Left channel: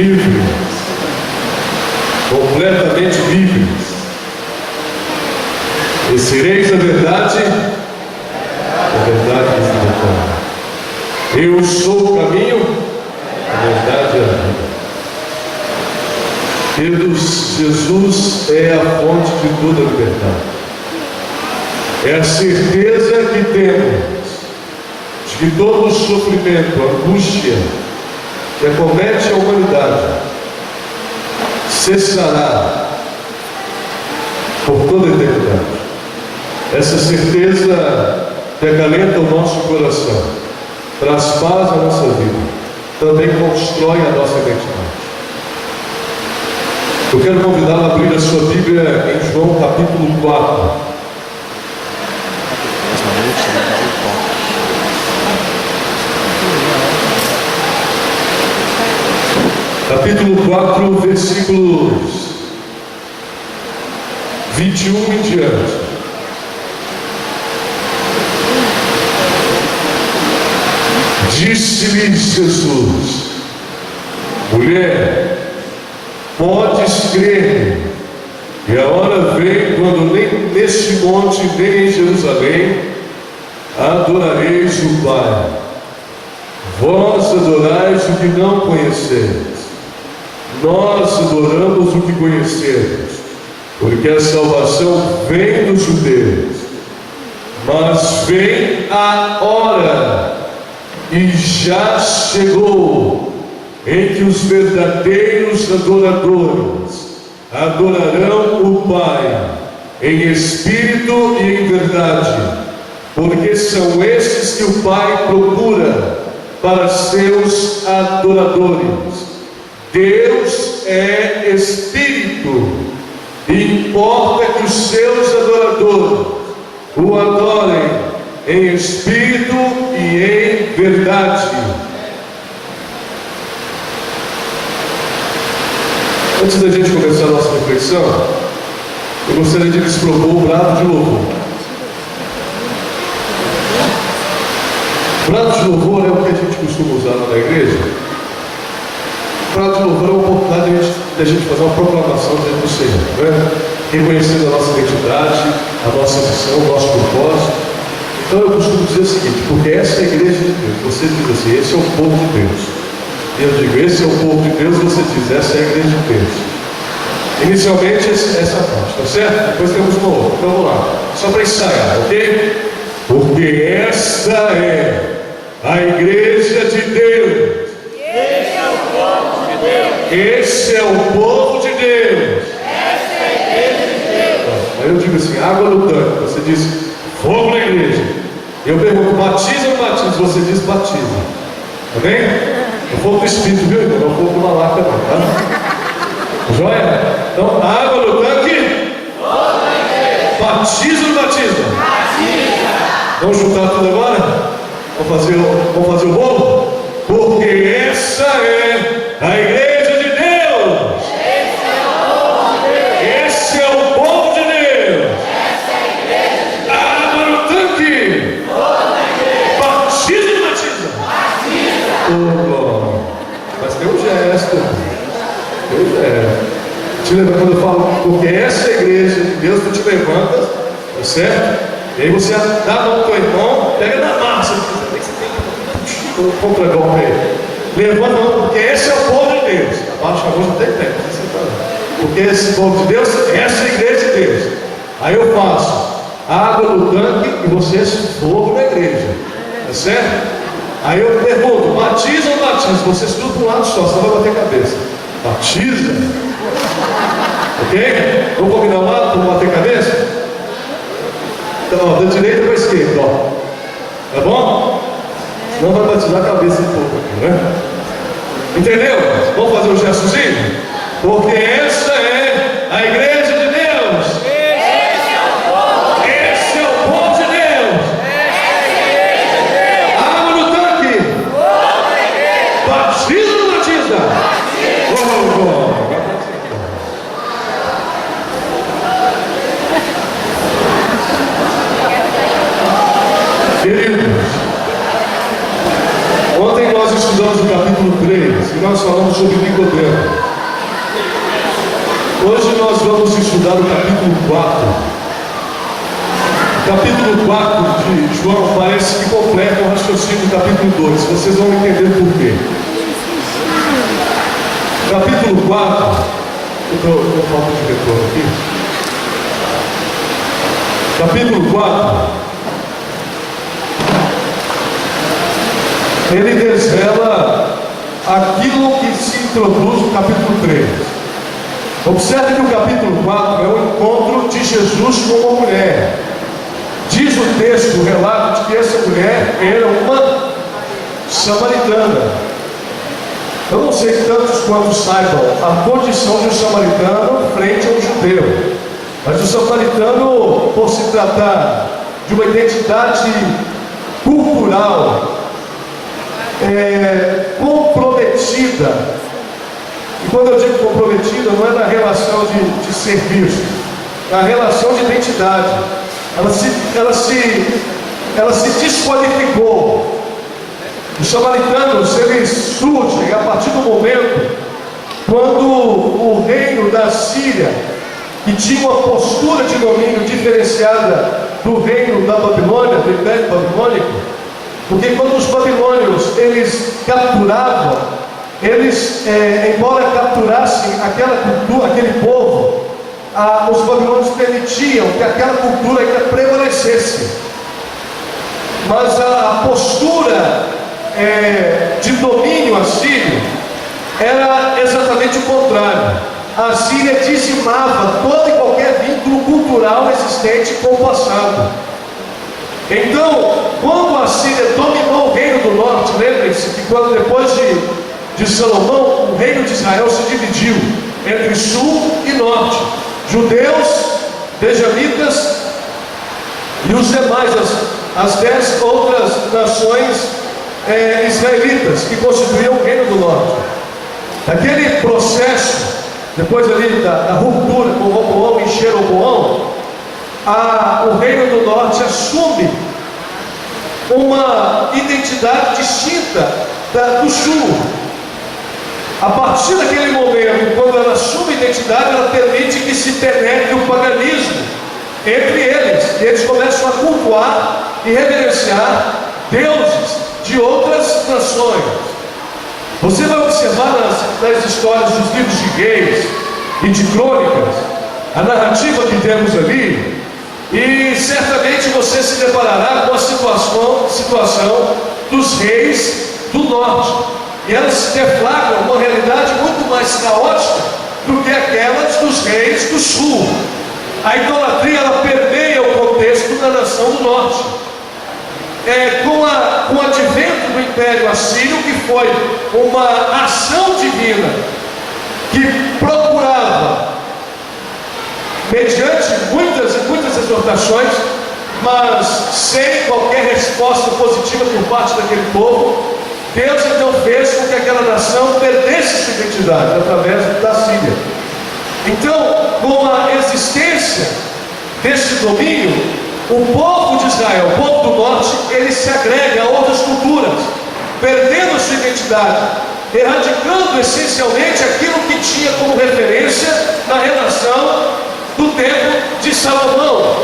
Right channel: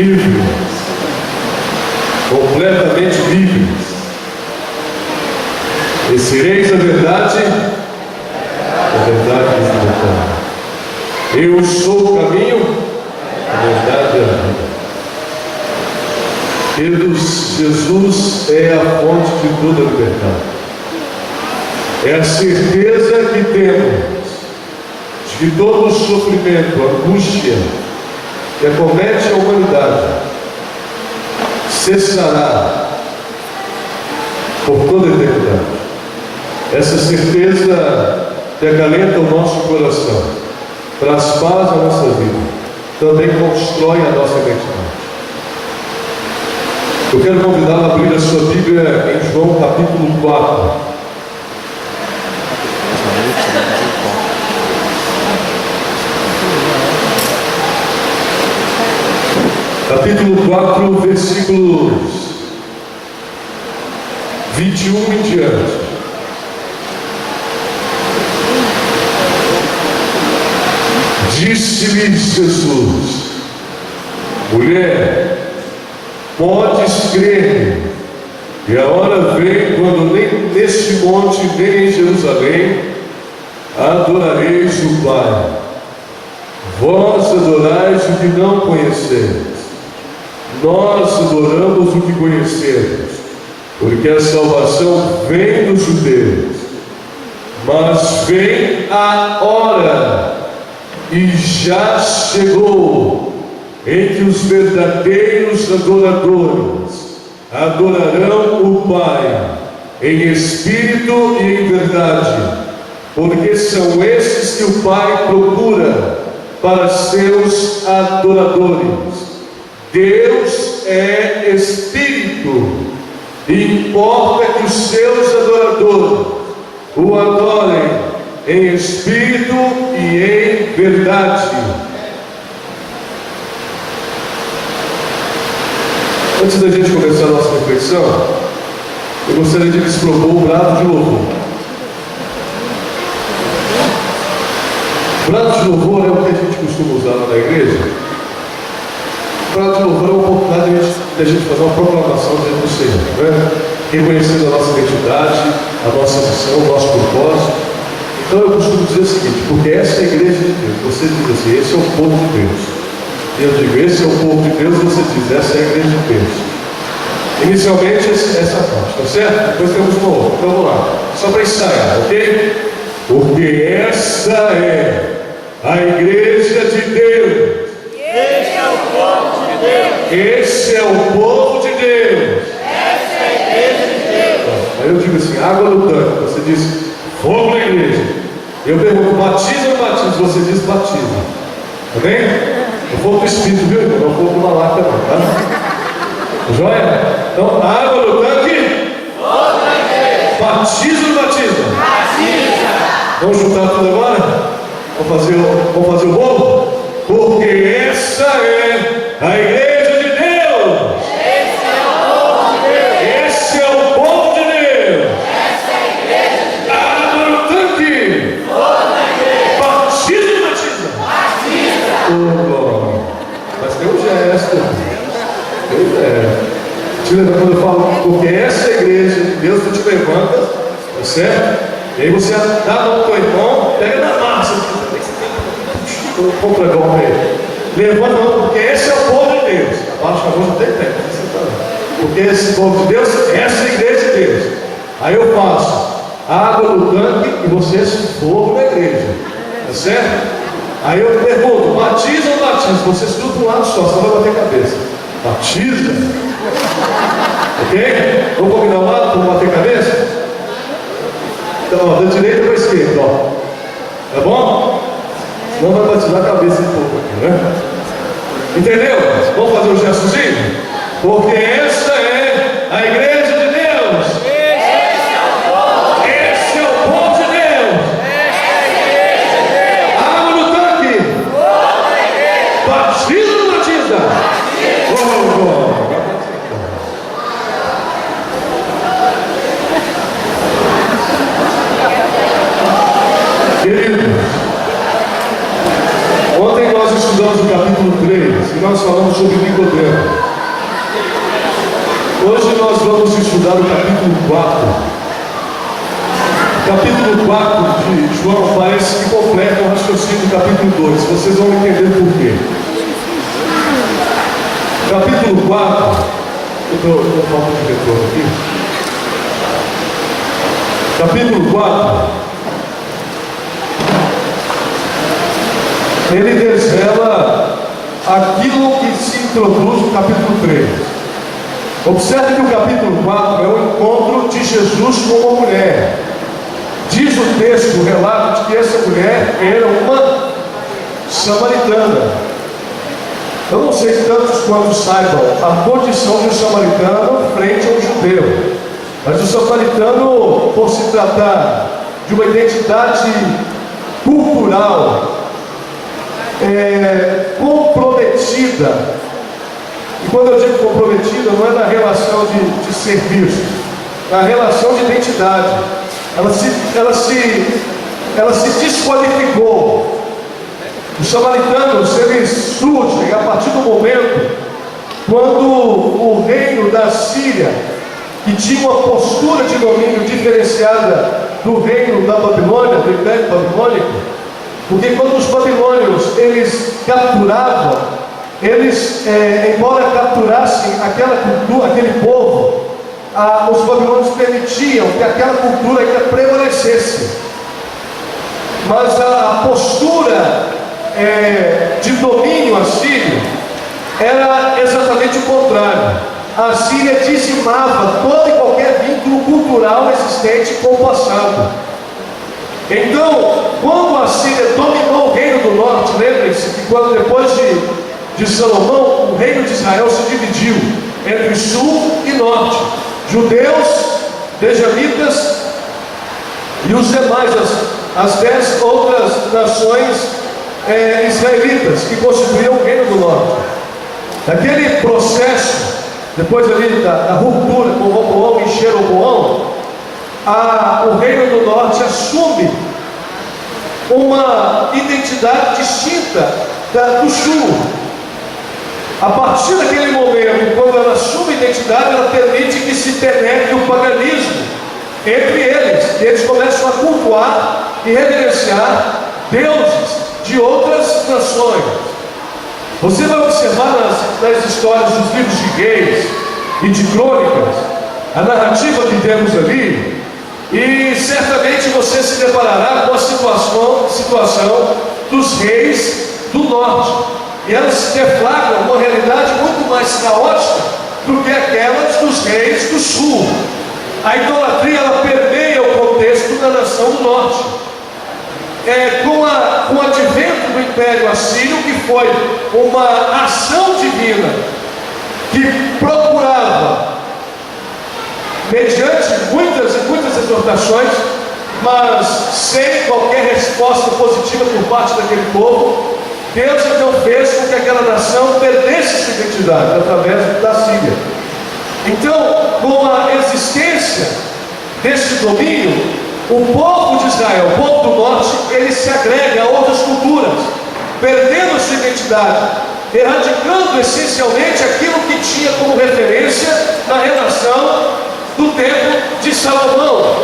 livre completamente livres. E sereis a verdade vos libertará. Eu sou o caminho, a verdade e a vida. Queridos, Jesus é a fonte de toda a liberdade. É a certeza que temos de que todo o sofrimento, a angústia que acomete a humanidade cessará por toda a eternidade. Essa certeza que acalenta o nosso coração, traz paz à nossa vida, também constrói a nossa identidade. Eu quero convidá-lo a abrir a sua Bíblia em João capítulo 4. Capítulo 4, versículos 21 em diante. Disse-lhe Jesus: mulher, podes crer, e a hora vem quando nem neste monte, nem em Jerusalém, adorareis o Pai. Vós adorais o que não conheceis. Nós adoramos o que conhecemos, porque a salvação vem dos judeus. Mas vem a hora, e já chegou, em que os verdadeiros adoradores adorarão o Pai em espírito e em verdade, porque são estes que o Pai procura para seus adoradores. Deus é Espírito, e importa que os seus adoradores o adorem em espírito e em verdade. Antes da gente começar a nossa reflexão, eu gostaria de lhes propor um brado de louvor. O brado de louvor é o que a gente costuma usar lá na igreja. O brado de louvor é uma oportunidade de a gente fazer uma proclamação diante do Senhor, né? Reconhecendo a nossa identidade, a nossa missão, o nosso propósito. Então eu costumo dizer o seguinte: porque essa é a igreja de Deus. Você diz assim, esse é o povo de Deus. E eu digo, esse é o povo de Deus. Você diz, essa é a igreja de Deus. Inicialmente essa parte, tá certo? Depois temos uma outra. Então vamos lá, só para ensaiar, ok? Porque esta é a igreja de Deus. Esse é o povo de Deus. Esse é o povo de Deus. Essa é a igreja de Deus. Aí eu digo assim, água no tanque. Você diz, fogo na igreja. Eu pergunto, batiza ou batiza? Você diz, batiza. Tá bem? O fogo do Espírito, viu? Não é o fogo do malaca não, tá? Joia? Então, água no tanque. Batismo ou batismo? Vamos juntar tudo agora? Vamos fazer o bolo? Porque essa é a igreja de Deus. Esse é o povo de Deus. Água no tanque. Batismo ou batismo? Mas tem um gesto. Te lembra quando eu falo, porque essa é a igreja de Deus, tu te levanta, tá certo? E aí você dá a mão pro teu irmão, pega na massa, compra golpe aí. Levanta a mão, porque esse é o povo de Deus. Abaixa a mão, já tem tempo, porque esse povo de Deus, essa é a igreja de Deus. Aí eu faço água no tanque e você se for na igreja, tá certo? Aí eu pergunto, batiza ou batiza? Vocês tudo para um lado só, senão vai bater cabeça. Batiza. Ok? Vamos combinar um lado para bater cabeça? Então, ó, da direita para a esquerda, ó. Tá bom? Senão vai batizar a cabeça um pouco aqui, né? Entendeu? Vamos fazer um gestozinho? Porque essa é a igreja de Deus. Esse é o povo de Deus. Água no tanque. Batiza ou não batiza? Queridos, ontem nós estudamos o capítulo 3 e nós falamos sobre Nicodemo. Hoje nós vamos estudar o capítulo 4. O capítulo 4 de João parece que completa o raciocínio do capítulo 2. Vocês vão entender por quê. Capítulo 4, eu falta de retorno aqui. Capítulo 4, ele desvela aquilo que se introduz no capítulo 3. Observe que o capítulo 4 é o encontro de Jesus com uma mulher. Diz o texto, o relato, de que essa mulher era uma samaritana. Eu não sei tantos quantos saibam a condição de um samaritano frente a um judeu. Mas o samaritano, por se tratar de uma identidade cultural comprometida, e quando eu digo comprometida, não é na relação de serviço, na relação de identidade. Ela se desqualificou. Os samaritanos, eles surgem a partir do momento quando o reino da Síria, que tinha uma postura de domínio diferenciada do reino da Babilônia, do Império Babilônico, porque quando os babilônios eles capturavam, eles, embora capturassem aquela cultura, aquele povo, os babilônios permitiam que aquela cultura ainda prevalecesse. Mas a postura de domínio assírio era exatamente o contrário. A Síria dizimava todo e qualquer vínculo cultural existente com o passado. Então, quando a Síria dominou o reino do norte, lembrem-se que quando depois de Salomão, o reino de Israel se dividiu entre sul e norte, judeus, benjamitas e os demais, as 10 outras nações israelitas que constituíam o reino do norte. Naquele processo, depois ali da ruptura com Roboão e Jeroboão, o reino do norte assume uma identidade distinta do sul. A partir daquele momento, quando ela assume identidade, ela permite que se penetre o paganismo entre eles. E eles começam a cultuar e reverenciar deuses de outras nações. Você vai observar nas histórias dos livros de Reis e de Crônicas, a narrativa que temos ali, e certamente você se deparará com a situação dos reis do norte. E elas se deflagram uma realidade muito mais caótica do que aquelas dos reis do sul. A idolatria, ela permeia o contexto da nação do norte. Com o advento do Império Assírio, que foi uma ação divina que procurava mediante muitas e muitas exortações, mas sem qualquer resposta positiva por parte daquele povo, Deus então fez com que aquela nação perdesse sua identidade através da Síria. Então, com a existência deste domínio, o povo de Israel, o povo do norte, ele se agrega a outras culturas, perdendo a sua identidade, erradicando essencialmente aquilo que tinha como referência na relação do tempo de Salomão.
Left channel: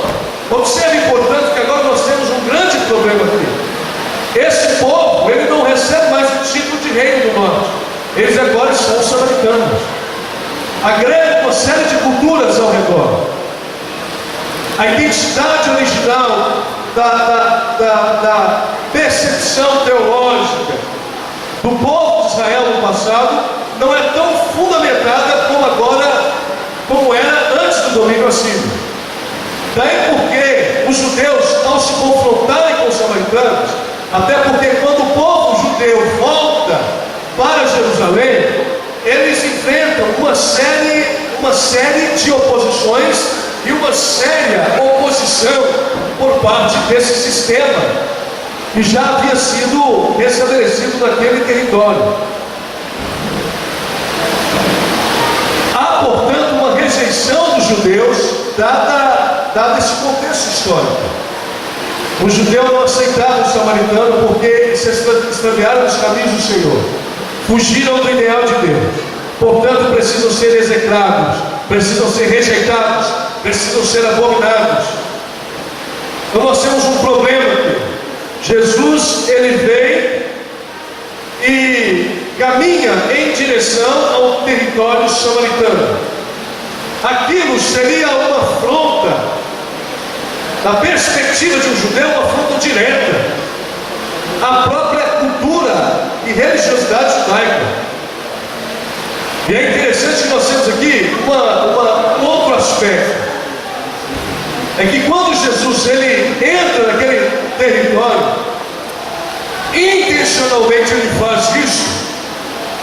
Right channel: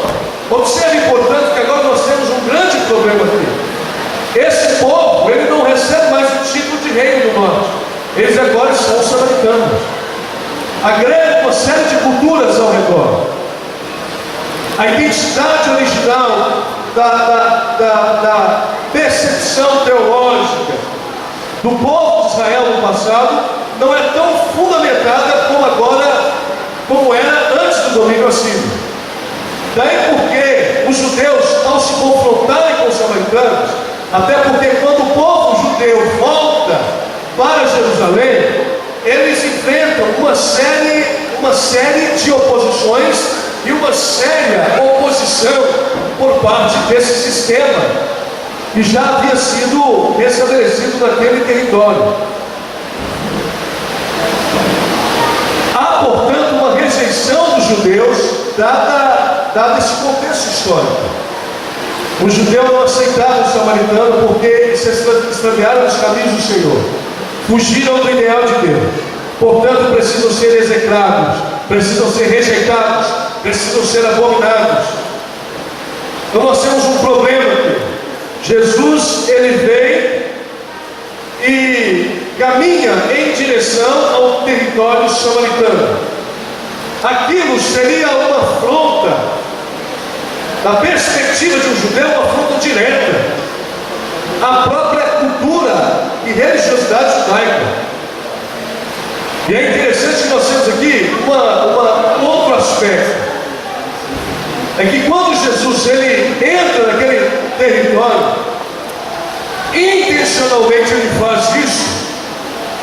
Observe, portanto, que agora nós temos um grande problema aqui. Esse povo, ele não recebe mais o título de reino do norte. Eles agora são samaritanos. Agrega uma série de culturas ao redor. A identidade original da percepção teológica do povo de Israel no passado não é tão fundamentada como era antes do domínio assírio. Daí porque os judeus, ao se confrontarem com os samaritanos, até porque quando o povo judeu volta para Jerusalém, eles enfrentam uma série de oposições e uma séria oposição por parte desse sistema que já havia sido estabelecido naquele território. Há, portanto, uma rejeição dos judeus dado esse contexto histórico. Os judeus não aceitaram o samaritano porque se extraviaram nos caminhos do Senhor, fugiram do ideal de Deus, portanto precisam ser execrados, precisam ser rejeitados, precisam ser abominados. Então nós temos um problema aqui. Jesus, ele vem e caminha em direção ao território samaritano. Aquilo seria uma afronta, da perspectiva de um judeu, uma afronta direta à própria cultura e religiosidade judaica. E é interessante que nós temos aqui um outro aspecto. É que quando Jesus ele entra naquele território, intencionalmente ele faz isso.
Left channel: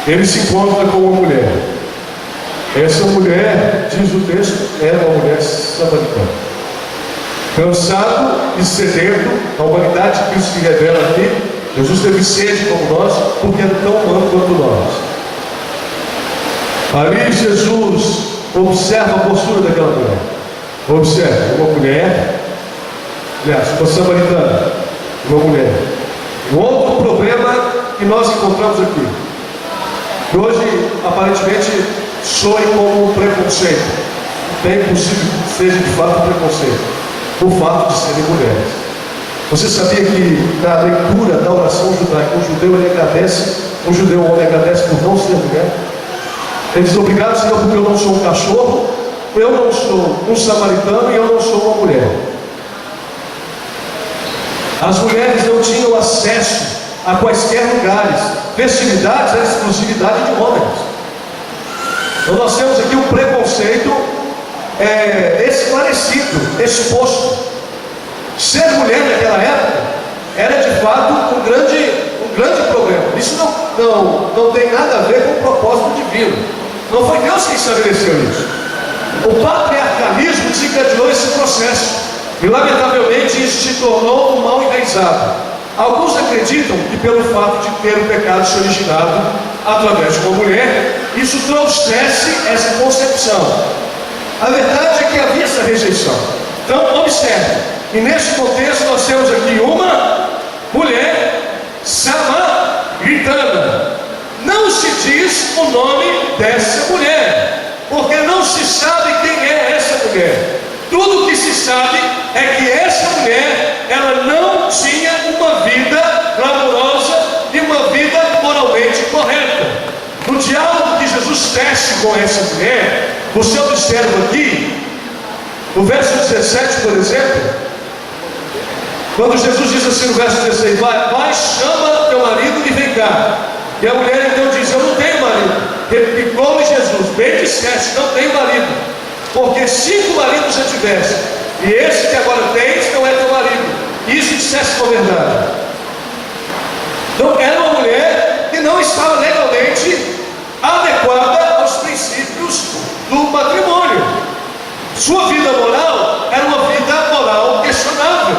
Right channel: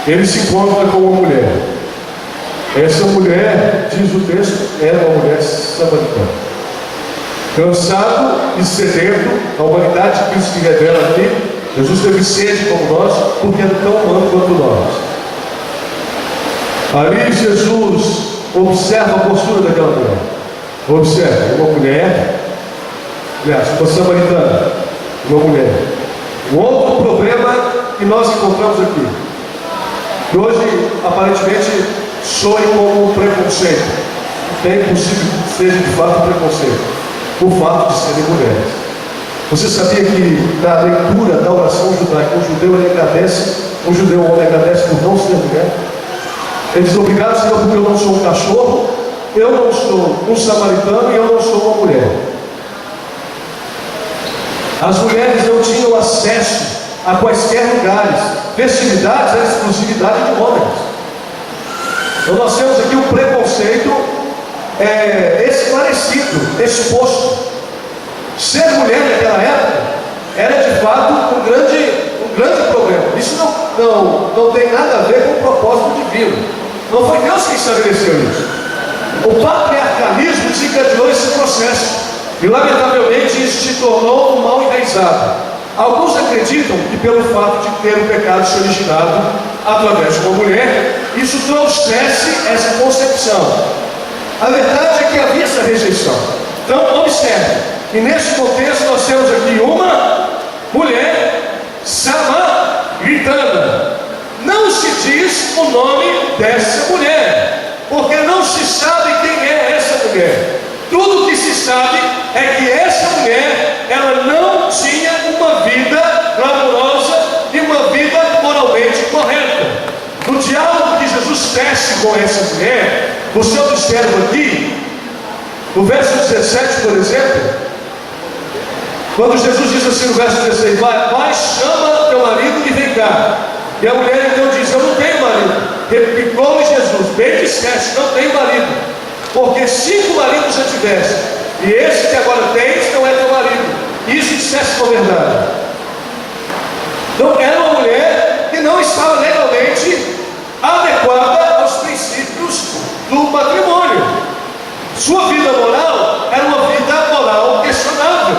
Ele se encontra com uma mulher. Essa mulher, diz o texto, era uma mulher samaritana. Cansado e sedento, a humanidade de Cristo se revela aqui. Jesus teve sede como nós, porque era tão humano quanto nós. Ali Jesus observa a postura daquela mulher. Observe, uma mulher, aliás, uma samaritana, uma mulher. Um outro problema que nós encontramos aqui, que hoje aparentemente soe como um preconceito, bem possível que seja de fato um preconceito, o fato de serem mulheres. Você sabia que na leitura da oração judaica, o judeu o homem agradece por não ser mulher? Ele diz: obrigado, Senhor, porque eu não sou um cachorro, eu não sou um samaritano e eu não sou uma mulher. As mulheres não tinham acesso a quaisquer lugares. Festividades era exclusividade de homens. Então nós temos aqui um preconceito esclarecido, exposto. Ser mulher naquela época era de fato um grande problema. Isso não tem nada a ver com o propósito divino. Não foi Deus que estabeleceu isso. O patriarcalismo desencadeou esse processo e lamentavelmente isso se tornou um mal enraizado. Alguns acreditam que pelo fato de ter o pecado se originado através de uma mulher, isso trouxesse essa concepção. A verdade é que havia essa rejeição. Então observe, e nesse contexto nós temos aqui uma mulher samaritana. Não se diz o nome dessa mulher, porque não se sabe quem é essa mulher. Tudo que se sabe é que essa mulher, ela não tinha uma vida glamourosa e uma vida moralmente correta. No diálogo que Jesus tece com essa mulher, você observa aqui, no verso 17, por exemplo, quando Jesus diz assim no verso 16: vai, chama teu marido e vem cá. E a mulher então diz: eu não tenho marido. Replicou-lhe Jesus: bem disseste, não tenho marido, porque 5 maridos já tiveste, e esse que agora tens não é teu marido. Isso disseste com verdade. Então era uma mulher que não estava legalmente adequada aos princípios do matrimônio. Sua vida moral era uma vida moral questionável.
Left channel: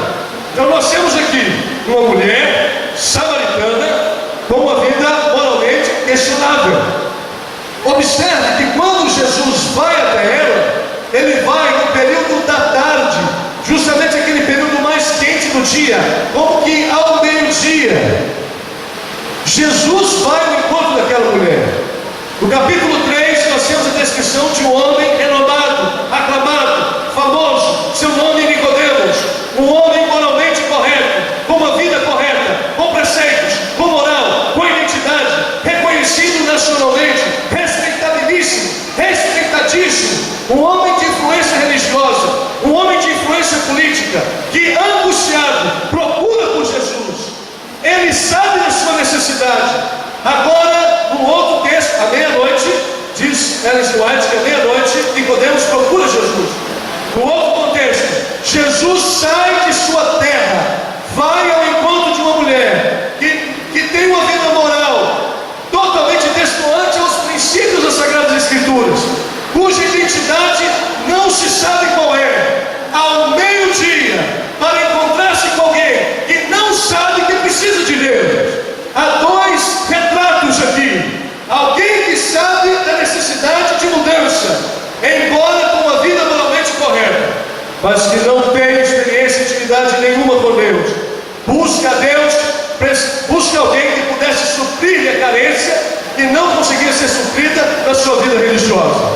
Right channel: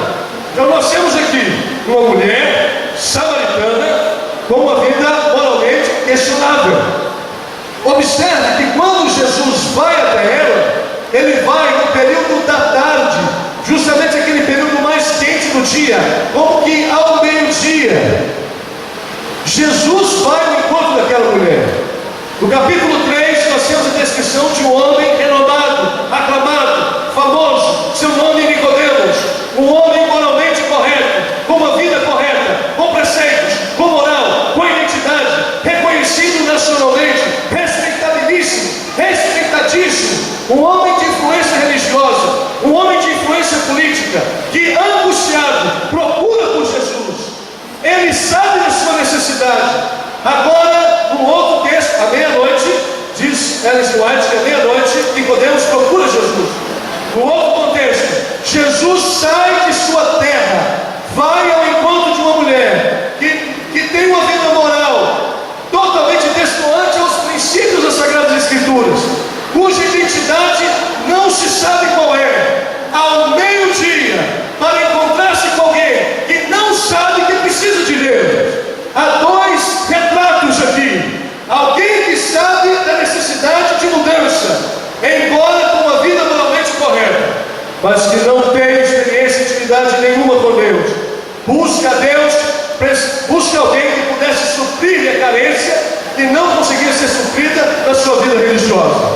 Então nós temos aqui uma mulher samaritana com uma vida moralmente questionável. Observe que quando Jesus vai até ela, ele vai no período da tarde, justamente aquele período mais quente do dia, como que ao meio-dia. Jesus vai ao encontro daquela mulher. No capítulo 3, nós temos a descrição de um homem renomado, aclamado, famoso, seu nome é Nicodemos, um homem moralmente correto, com uma vida correta, com preceitos, com moral, com identidade, reconhecido nacionalmente, respeitadíssimo, um homem de influência religiosa, um homem de influência política, que angustiado procura por Jesus. Ele sabe da sua necessidade. Agora, no outro texto, à meia-noite, diz Ellen White que à meia-noite Nicodemos procura Jesus. No outro contexto, Jesus sai de sua terra, vai ao encontro de uma mulher que tem uma vida moral totalmente destoante aos princípios das Sagradas Escrituras, cuja identidade não se sabe qual é. Ao meio-dia, para encontrar-se com alguém que não sabe que precisa de Deus. Há dois retratos aqui. Alguém que sabe da necessidade de mudança, embora com uma vida moralmente correta, mas que não tem experiência e intimidade nenhuma com Deus. Busca a Deus, busca alguém que pudesse suprir a carência e não conseguia ser suprida na sua vida religiosa.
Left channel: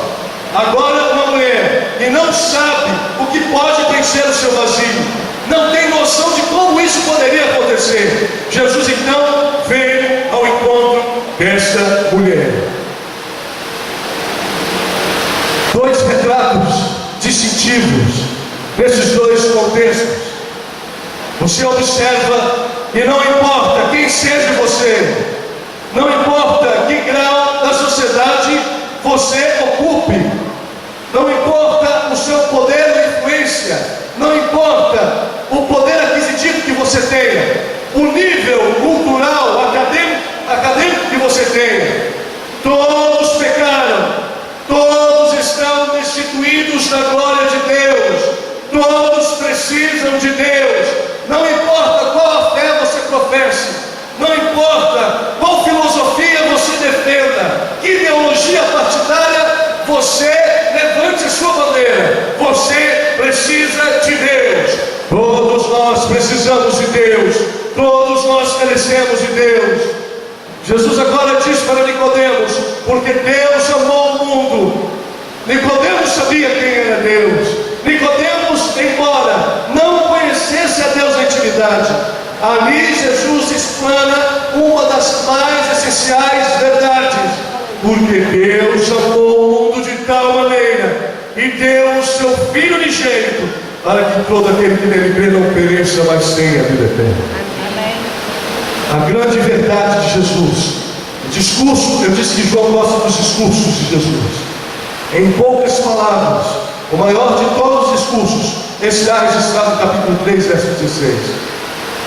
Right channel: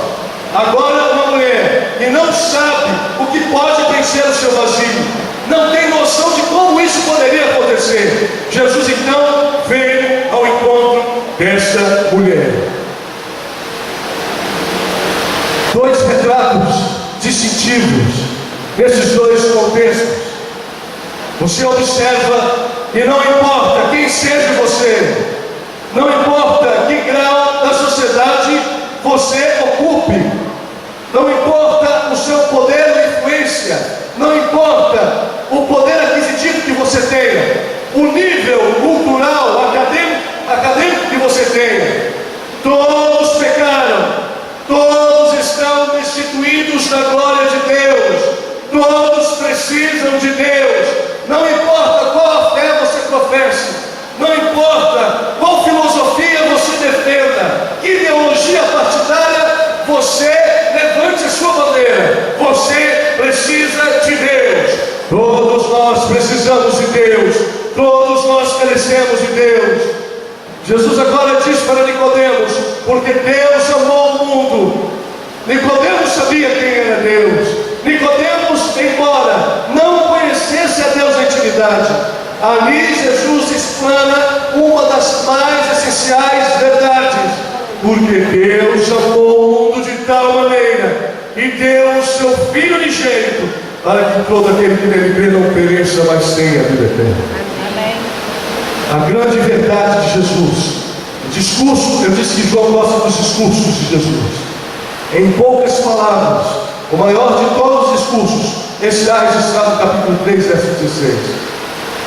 Agora uma mulher que não sabe o que pode preencher o seu vazio, não tem noção de como isso poderia acontecer. Jesus então veio ao encontro desta mulher. Dois retratos distintivos nesses dois contextos. Você observa que não importa quem seja você, não importa que grau da sociedade você ocupe, não importa o seu poder ou influência, não importa o poder aquisitivo que você tenha, o nível cultural, acadêmico que você tenha, todos pecaram, todos estão destituídos da glória de Deus, todos precisam de Deus. Não importa qual fé você professe, não importa qual filosofia você defenda, que ideologia partidária você levante a sua bandeira, você precisa de Deus. Todos nós precisamos de Deus, todos nós carecemos de Deus. Jesus agora diz para Nicodemos, porque Deus amou o mundo. Nicodemos sabia quem era Deus. Nicodemos, embora não conhecesse a Deus na intimidade, ali Jesus explana uma das mais essenciais verdades. Porque Deus amou o mundo de tal maneira e deu o seu Filho unigênito, para que todo aquele que nele crê não pereça, mas tenha a vida eterna. Amém. A grande verdade de Jesus, o discurso, eu disse que João gosta dos discursos de Jesus. Em poucas palavras, o maior de todos os discursos, esse está registrado no capítulo 3, verso 16.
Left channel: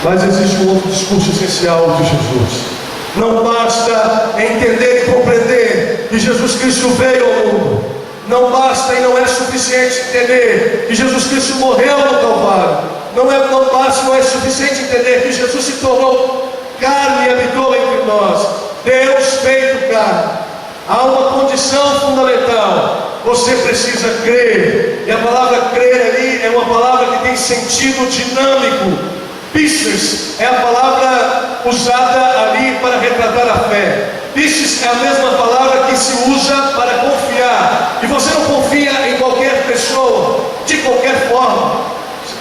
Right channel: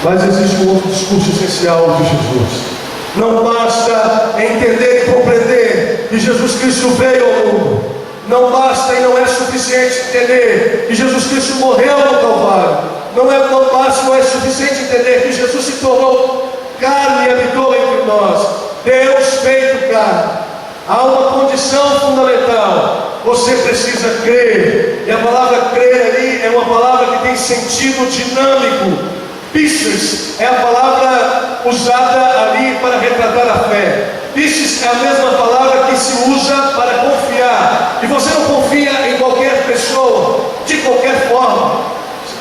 Mas existe um outro discurso essencial de Jesus. Não basta entender e compreender que Jesus Cristo veio ao mundo. Não basta e não é suficiente entender que Jesus Cristo morreu no Calvário. Não basta e não é suficiente entender que Jesus se tornou carne e habitou entre nós. Deus feito carne. Há uma condição fundamental. Você precisa crer. E a palavra crer ali é uma palavra que tem sentido dinâmico. Pistes é a palavra usada ali para retratar a fé. Pistes é a mesma palavra que se usa para confiar. E você não confia em qualquer pessoa, de qualquer forma.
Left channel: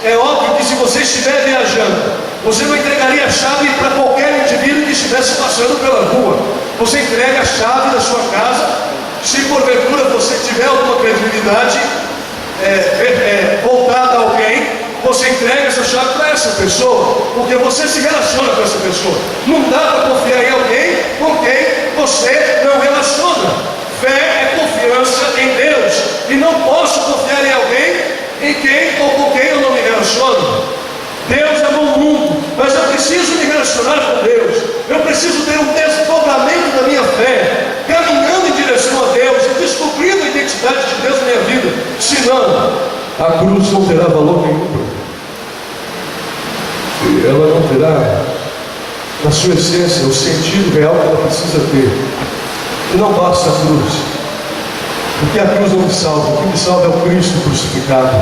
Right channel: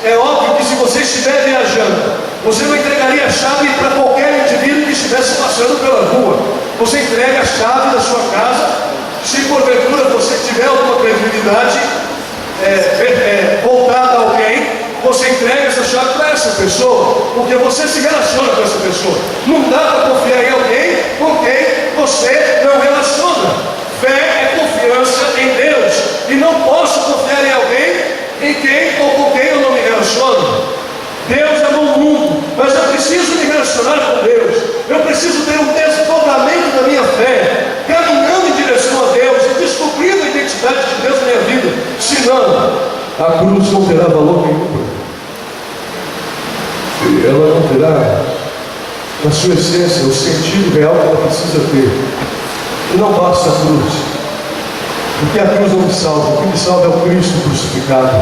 É óbvio que se você estiver viajando, você não entregaria a chave para qualquer indivíduo que estivesse passando pela rua. Você entrega a chave da sua casa. Se porventura você tiver alguma credibilidade voltada a alguém, você entrega essa chave para essa pessoa, porque você se relaciona com essa pessoa. Não dá para confiar em alguém com quem você não relaciona. Fé é confiança em Deus, e não posso confiar em alguém em quem ou com quem eu não me relaciono. Deus amou o mundo, mas eu preciso me relacionar com Deus. Eu preciso ter um desdobramento da minha fé, caminhando em direção a Deus e descobrindo a identidade de Deus na minha vida. Senão, a cruz não terá valor nenhum. Ela não terá, na sua essência, o sentido real que ela precisa ter. E não basta a cruz, porque a cruz não me salva. O que me salva é o Cristo crucificado,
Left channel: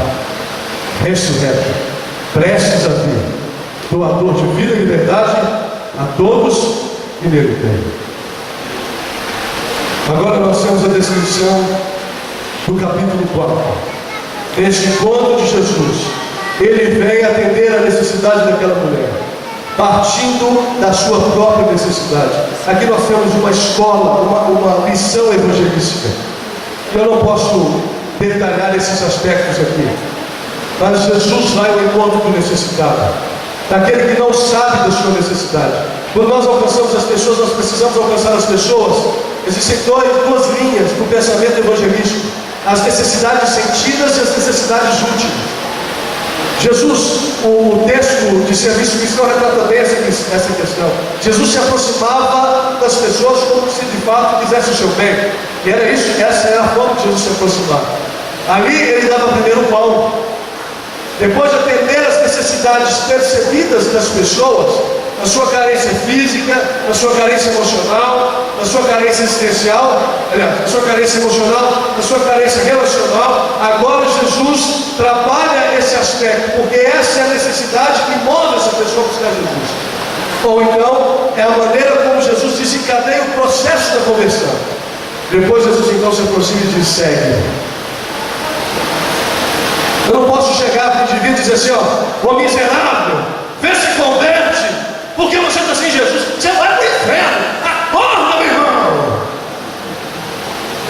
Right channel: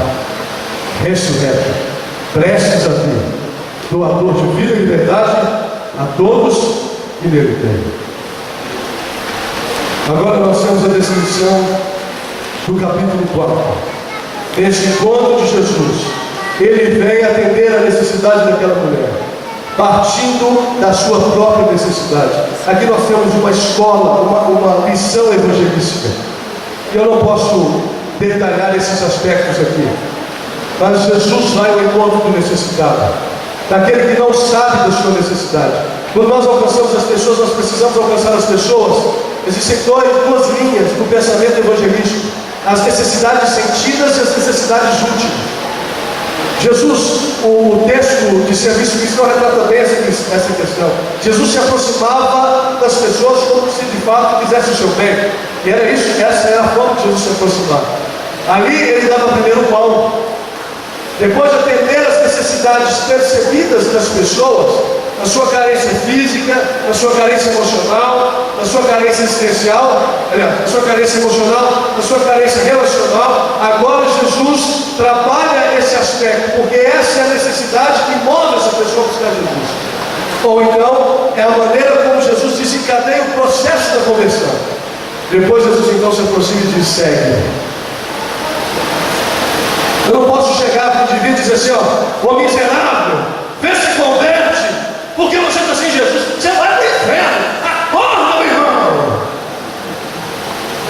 ressurreto, prestes a vir, doador de vida e liberdade a todos que nele têm. Agora nós temos a descrição do capítulo 4. Este encontro de Jesus, ele vem atender a necessidade daquela mulher, partindo da sua própria necessidade. Aqui nós temos uma escola, uma lição evangelística. Eu não posso detalhar esses aspectos aqui, mas Jesus vai ao encontro do necessitado, daquele que não sabe da sua necessidade. Quando nós alcançamos as pessoas, nós precisamos alcançar as pessoas. Existem duas linhas do pensamento evangelístico: as necessidades sentidas e as necessidades úteis. Jesus, o texto de serviço cristão retrata bem essa questão. Jesus se aproximava das pessoas como se de fato quisesse o seu bem. E era isso, essa era a forma de Jesus se aproximar. Ali ele dava primeiro o pão. Depois de atender as necessidades percebidas das pessoas, na sua carência física, na sua carência emocional, na sua carência existencial, na sua carência emocional, na sua carência relacional, agora Jesus trabalha esse aspecto, porque essa é a necessidade que move essa pessoa a buscar Jesus. Ou então, é a maneira como Jesus desencadeia o processo da conversão. Depois Jesus então se aproxima e diz: segue. Eu não posso chegar para o indivíduo e dizer assim: ó, ô miserável, vê se converte, porque você está sem Jesus, você vai para o inferno, acorda, meu irmão.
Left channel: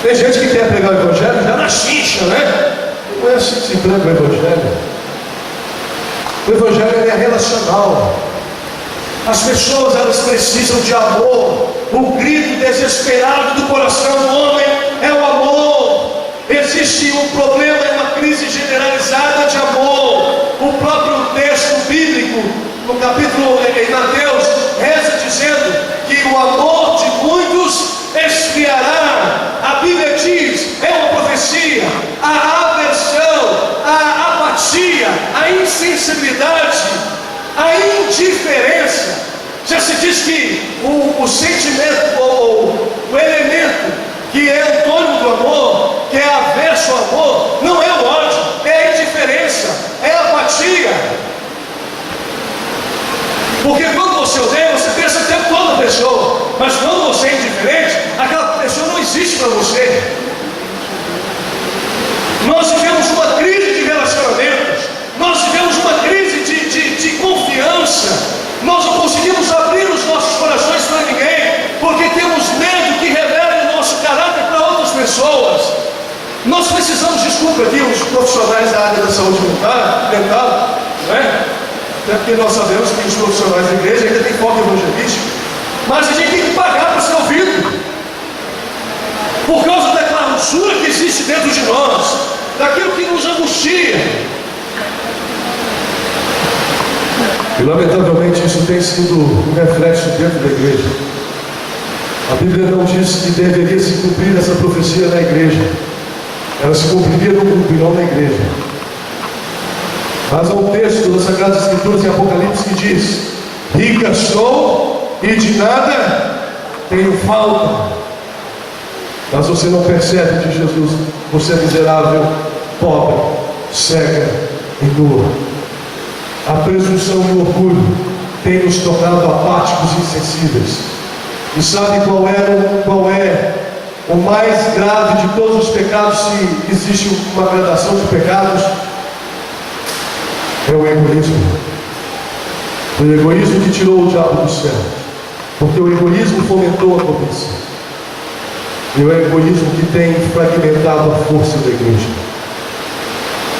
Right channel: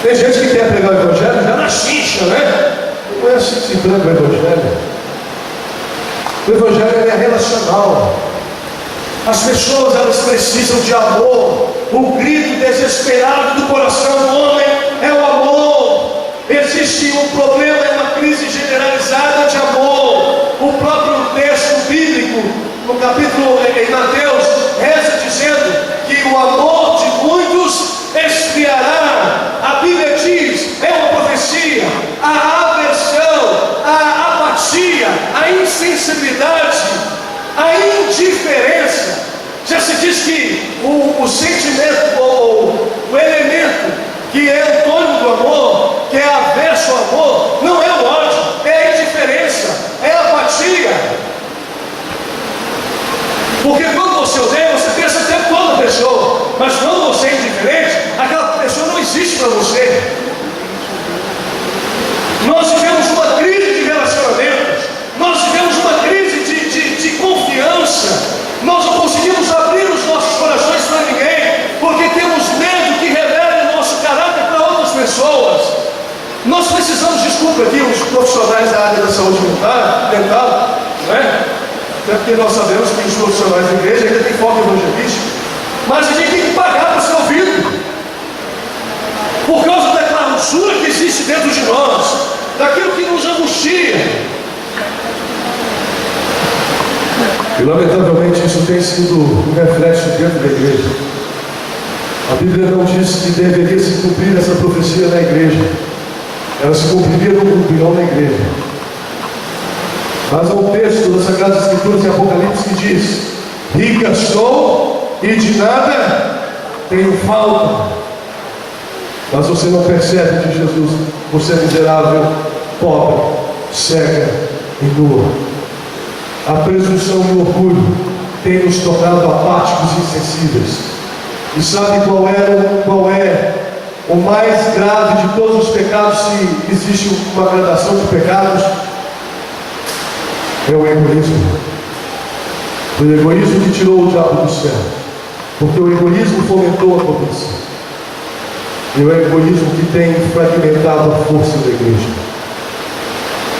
Tem gente que quer pregar o evangelho já na xixa, né? Não é assim que se prega o evangelho. O evangelho é relacional. As pessoas, elas precisam de amor. O grito desesperado do coração do homem é o amor. Existe um problema, é uma crise generalizada de amor. O próprio texto bíblico, no capítulo em Mateus, reza dizendo que o amor de muitos esfriará. A Bíblia diz, é uma profecia, a aversão, a apatia, a insensibilidade, a indiferença. Já se diz que o sentimento ou o elemento que é antônimo do amor, que é averso ao amor, não é o ódio, é a indiferença, é a apatia. Porque quando você odeia, você pensa o tempo todo na pessoa, mas quando você é indiferente, aquela pessoa não existe para você. Nós vivemos uma crise de relacionamentos, nós vivemos uma crise de confiança. Nós não conseguimos abrir os nossos corações para ninguém, porque temos medo que revele o nosso caráter para outras pessoas. Nós precisamos, desculpa aqui, os profissionais da área da saúde mental, não é? Até porque nós sabemos que os profissionais da igreja ainda têm foco evangelístico, mas a gente tem que pagar para ser ouvido, por causa da clausura que existe dentro de nós, daquilo que nos angustia. E lamentavelmente isso tem sido um reflexo dentro da igreja. A Bíblia não diz que deveria se cumprir essa profecia na igreja. Ela se cumpriria no grupo e não na igreja. Mas há um texto das Sagradas Escrituras em Apocalipse que diz: rica sou e de nada tenho falta. Mas você não percebe que Jesus, você é miserável, pobre, cega e nua. A presunção e o orgulho têm nos tornado apáticos e insensíveis. E sabe qual é o mais grave de todos os pecados, se existe uma gradação de pecados? É o egoísmo. O egoísmo que tirou o diabo do céu. Porque o egoísmo fomentou a cobiça. E o egoísmo que tem fragmentado a força da igreja.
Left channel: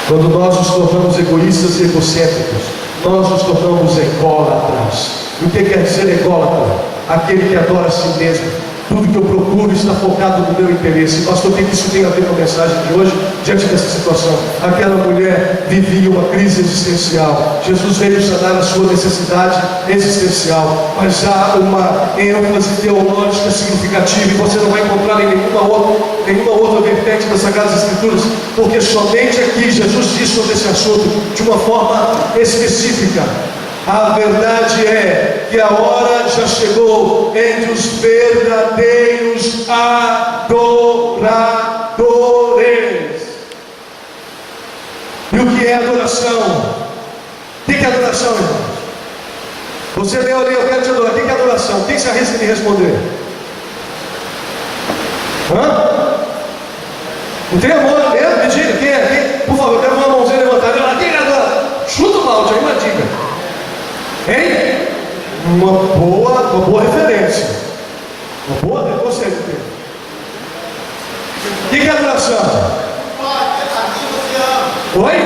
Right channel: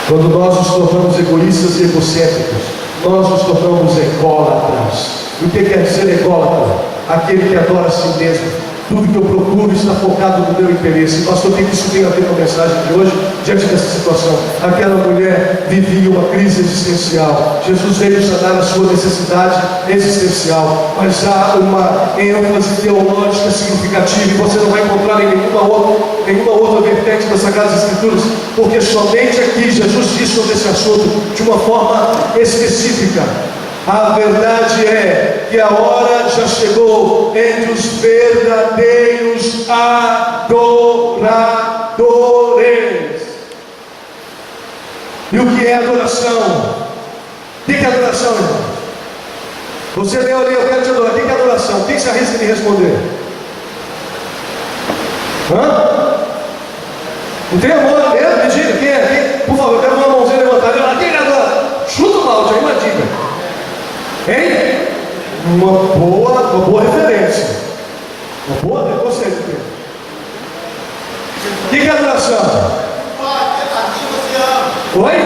Quando nós nos tornamos egoístas e egocêntricos, nós nos tornamos ególatras. E o que quer dizer ególatra? Aquele que adora a si mesmo, Tudo que eu procuro está focado no meu interesse. Pastor, o que isso tem a ver com a mensagem de hoje? Diante dessa situação, aquela mulher vivia uma crise existencial. Jesus veio sanar a sua necessidade existencial, mas há uma ênfase teológica significativa, e você não vai encontrar em nenhuma outra vertente das Sagradas Escrituras, porque somente aqui Jesus diz sobre esse assunto de uma forma específica. A verdade é que a hora já chegou entre os verdadeiros adoradores. E o que é adoração? O que é adoração, irmão? Você leu ali, eu quero te adorar. O que é adoração? Quem se arrisca de responder? Não tem amor mesmo? Me diga, quem é? Quem? Por favor, eu quero uma mãozinha levantada. Quem é adora? Chuta o balde aí, uma dica. Hein? Uma boa referência. Uma boa conceito. O que é adoração? Oi?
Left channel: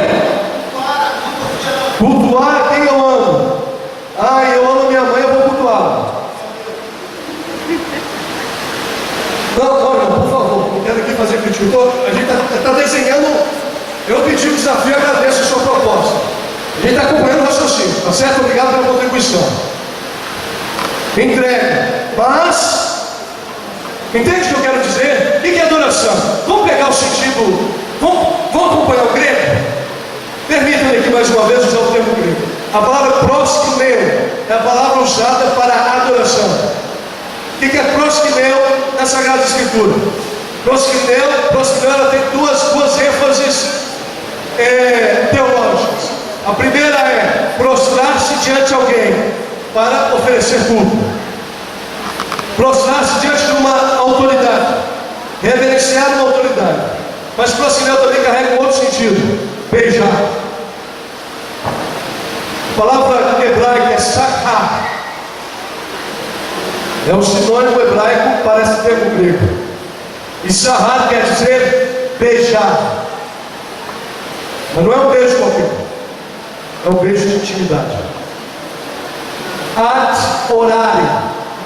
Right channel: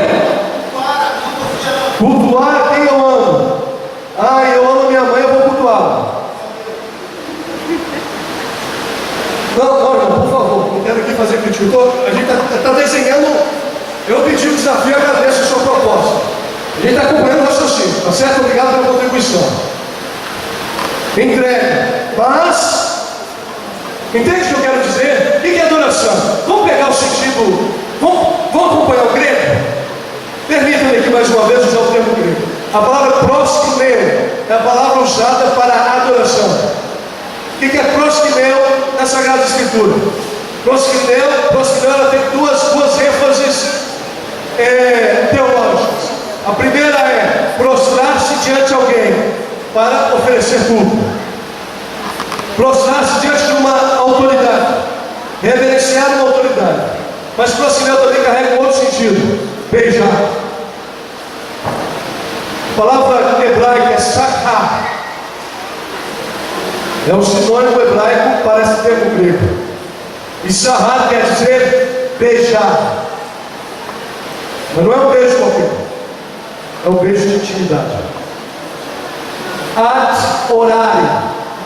Cultuar quem eu amo. Eu amo minha mãe, eu vou cultuá-la. Não, por favor, não quero aqui fazer crítica. A gente está desenhando. Eu pedi um desafio e agradeço a sua proposta. A gente está acompanhando o raciocínio, tá certo? Obrigado pela contribuição. Entrega. Mas, entende o que eu quero dizer? O que é adoração? Vamos pegar o sentido, vamos acompanhar o grego? Permitam-me aqui mais uma vez usar o termo grego. A palavra proskuneo é a palavra usada para adoração. O que é proskuneo na Sagrada Escritura? Proskuneo ela tem duas ênfases teológicas. A primeira é prostrar-se diante de alguém para oferecer culto. Prostrar-se diante de uma autoridade, reverenciar uma autoridade. Mas proskuneo também carrega um outro sentido: beijar. A palavra hebraica é sakha. É um sinônimo hebraico para esse termo grego. E sahar quer dizer beijar. Mas não é um beijo qualquer. É um beijo de intimidade. Ad orare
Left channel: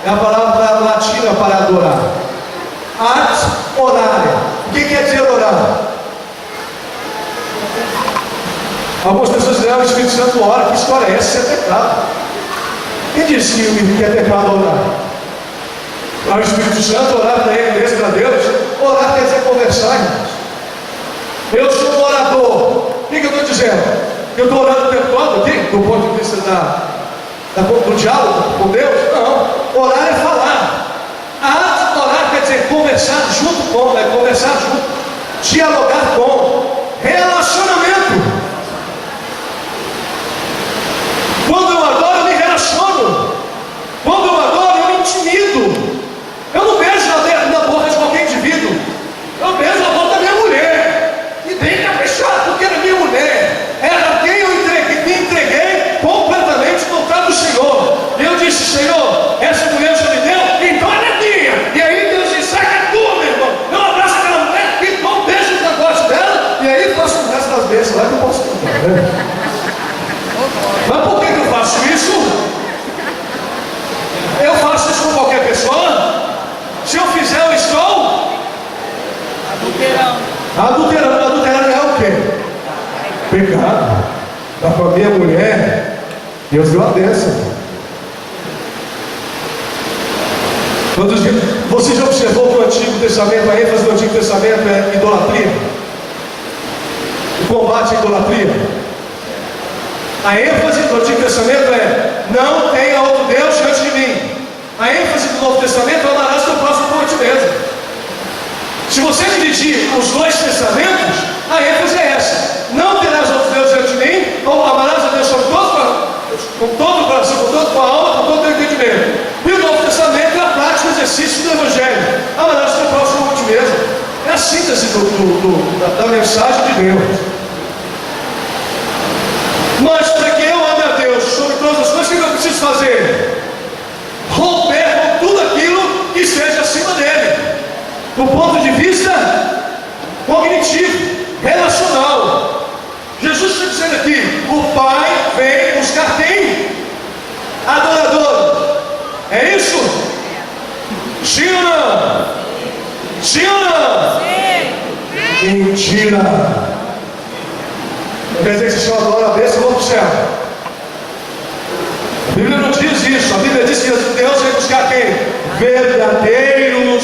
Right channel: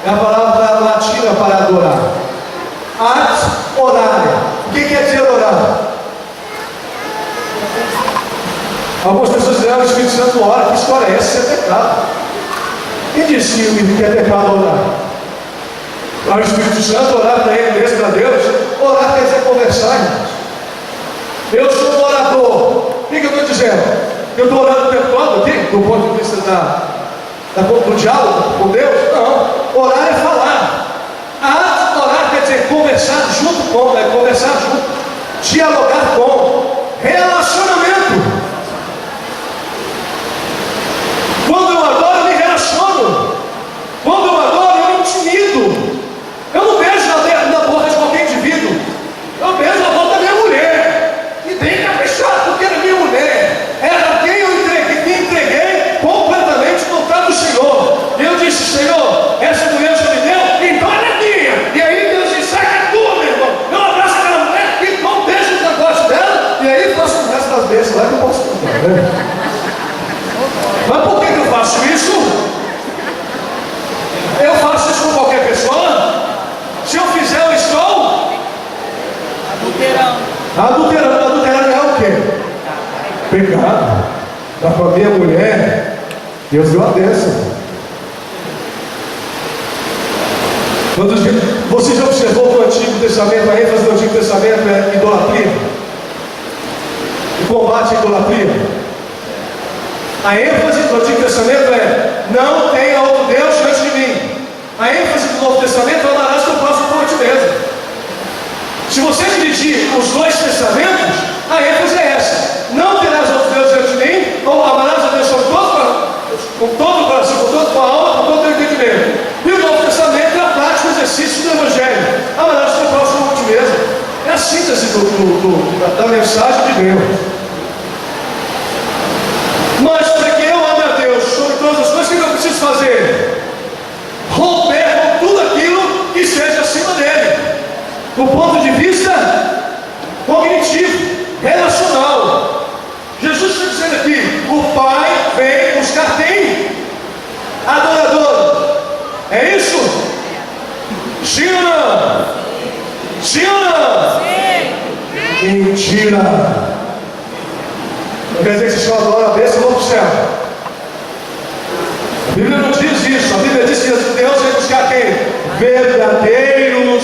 é a palavra latina para adorar. Ad orare. O que quer dizer orar? Algumas pessoas dizem: o Espírito Santo ora. Que história é essa? Isso é pecado. Quem disse que é pecado orar? O Espírito Santo orar para ele mesmo, para Deus. Orar quer dizer conversar, irmãos. Eu sou um orador. O que eu estou dizendo? Eu estou orando o tempo todo aqui, do ponto de vista do diálogo com Deus? Não. Orar é falar. Orar quer dizer conversar junto com, conversar junto, dialogar com, relacionamento. Quando eu adoro, eu me relaciono. Quando eu adoro, eu me intimido. Eu não beijo na boca de qualquer indivíduo. Eu beijo na boca da minha mulher. E tem que caprichar, porque era minha mulher. Era quem eu me entreguei completamente no altar do Senhor. E eu disse: Senhor, essa mulher já me deu, então ela é minha. E aí Deus disse: sai que é tua, meu irmão. Eu abraço aquela mulher e não beijo o negócio dela. E aí faço o resto das vezes lá que eu posso contar, né? Mas por que eu faço isso? Eu faço isso com qualquer pessoa. Se eu fizer, eu estou adulterando. Adulterando é o quê? Pecado. Dá para minha mulher, Deus deu a bênção. Você já observou que o Antigo Testamento, a ênfase do Antigo Testamento é idolatria? O combate à idolatria. A ênfase do Antigo Testamento é: não tenha outro Deus diante de mim. A ênfase do Novo Testamento é: amarás teu próximo como a ti mesmo. Se você dividir os dois testamentos, a ênfase é essa: não terás outro Deus diante de mim, ou amarás a Deus com todo o coração, com toda a tua alma, com todo o teu entendimento. E o Novo Testamento é a prática do exercício do Evangelho: amarás teu próximo como a ti mesmo. É a síntese da mensagem de Deus. Mas para que eu ame a Deus sobre todas as coisas, o que eu preciso fazer? Romper com tudo aquilo que esteja acima dele, do ponto de vista cognitivo, relacional. Jesus está dizendo aqui: o Pai vem buscar quem? Adorador. É isso? Sim ou não? Sim ou não? Sim. Mentira. Não quer dizer que se eu adoro a bênção, eu vou para o céu. A Bíblia não diz isso. A Bíblia diz que Deus vai buscar quem? Verdadeiros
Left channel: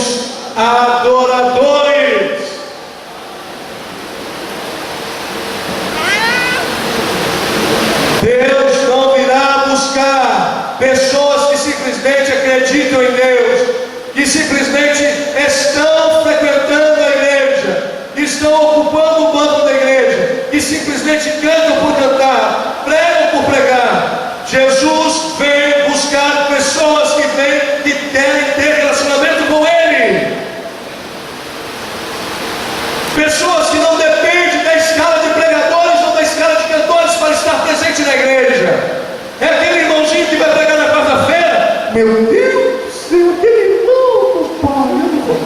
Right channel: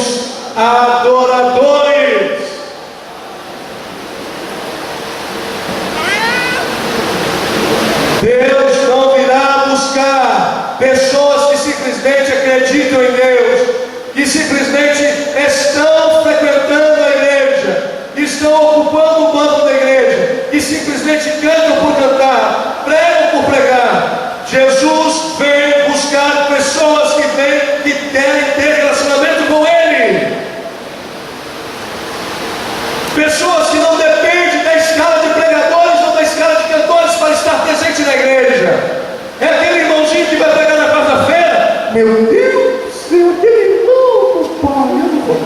adoradores. Deus não virá buscar pessoas que simplesmente acreditam em Deus, que simplesmente estão frequentando a igreja, estão ocupando o banco da igreja, que simplesmente cantam por cantar, pregam por pregar. Jesus vem buscar pessoas que querem ter relacionamento com Ele, pessoas que não dependem da escala de pregadores ou da escala de cantores para estar presente na igreja. É aquele irmãozinho que vai pregar na quarta-feira. Meu Deus do céu, aquele irmão, pai, eu não vou.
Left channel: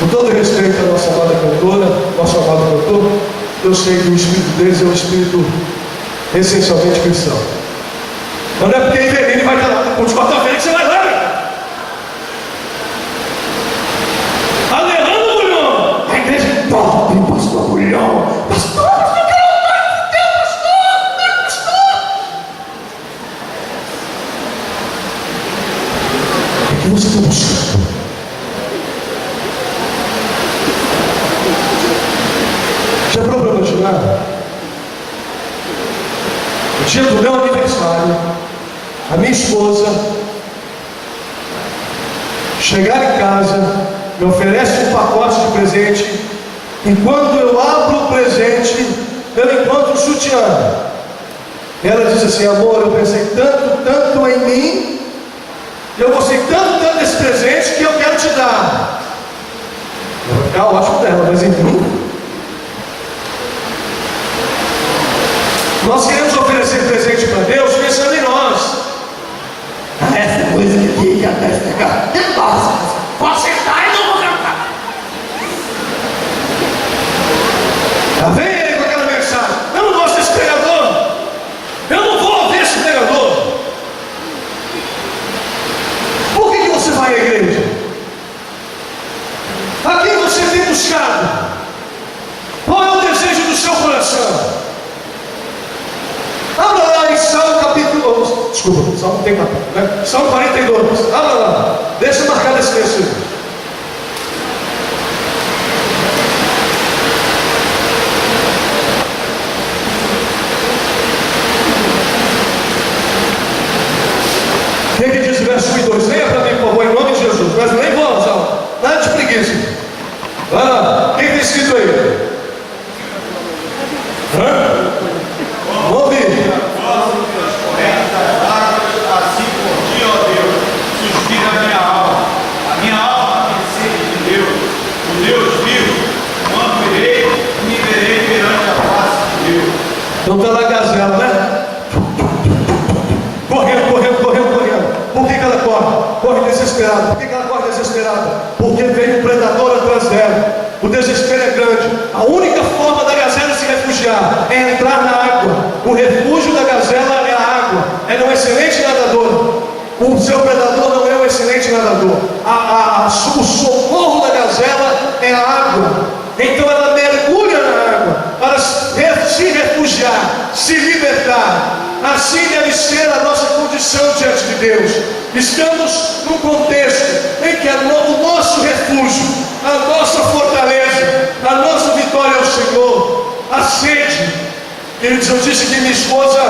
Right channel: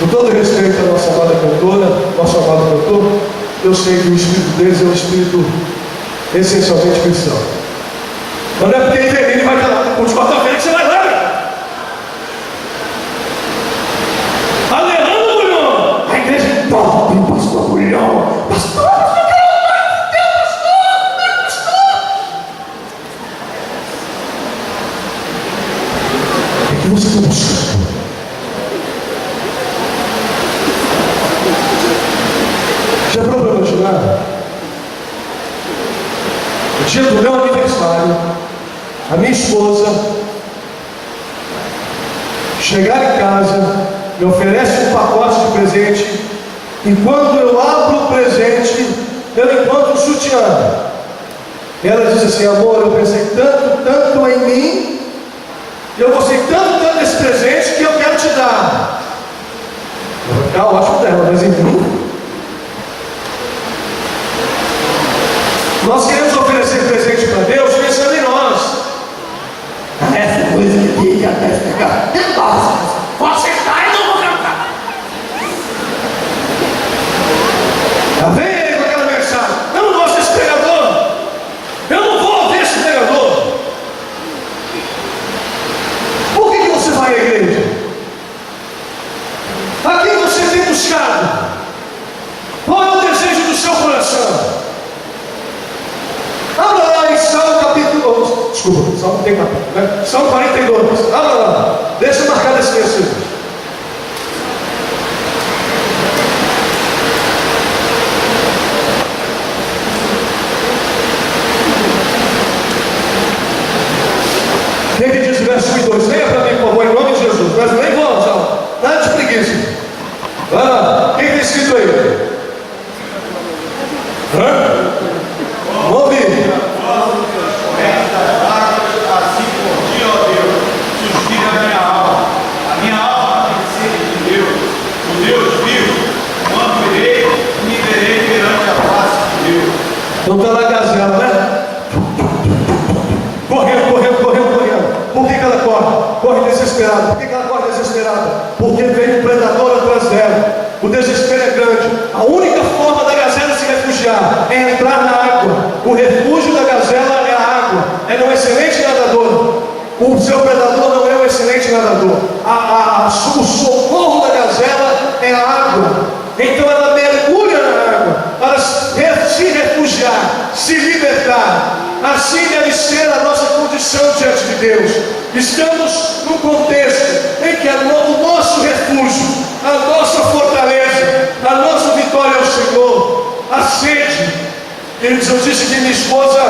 Com todo respeito à nossa amada cantora, nosso amado cantor, eu sei que o espírito deles é um espírito essencialmente cristão. Mas não é porque ele vai estar lá com os quarta-feira que você vai lá. Aleluia, Bulhão! A igreja é top, pastor Bulhão. Pastor, pastor, o que você está buscando? Já parou para imaginar? No dia do meu aniversário, a minha esposa chegar em casa, me oferece um pacote de presente, e quando eu abro o presente, eu encontro um sutiã. Ela diz assim: amor, eu pensei tanto em mim, e eu gostei tanto desse presente que eu quero te dar. Eu vou ficar ótimo dela, mas enfim. Nós queremos oferecer presente para Deus pensando em nós. Essa coisa aqui, nossa, pode sentar e não vou cantar. Tá vendo com aquela mensagem? Eu não gosto desse pregador. Eu não vou ouvir esse pregador. Por que você vai à igreja? A quem você tem buscado? Qual é o desejo do seu coração? Abra lá em Salmo capítulo... Desculpa, Salmo tem capítulo, né? Salmo 42. Abra lá. Deixa marcar esse versículo. O que diz o verso 1 e 2? Leia para mim, por favor, em nome de Jesus. Mas nem vou, Salmo. Nada de preguiça. Vai lá. O que está escrito aí? Hã? Vamos ouvir. Assim por ti, ó Deus, suspira a minha alma. A minha alma tem sede de Deus, o Deus vivo. Quando irei, me verei perante a face de Deus. Então está na gazela, né? Correndo. Por que ela corre? Corre desesperada. Por que ela corre desesperada? Porque vem um predador atrás dela. O desespero é grande. A única forma da gazela se refugiar é entrar na água. O refúgio da gazela é a água. Ela é um excelente nadador. O seu predador não é um excelente nadador. O socorro da gazela é a água. Então ela mergulha na água para se refugiar, se libertar. Assim deve ser a nossa condição diante de Deus. Estamos num contexto em que o nosso refúgio, a nossa fortaleza, a nossa vitória é o Senhor. A sede. Eu disse que minha esposa,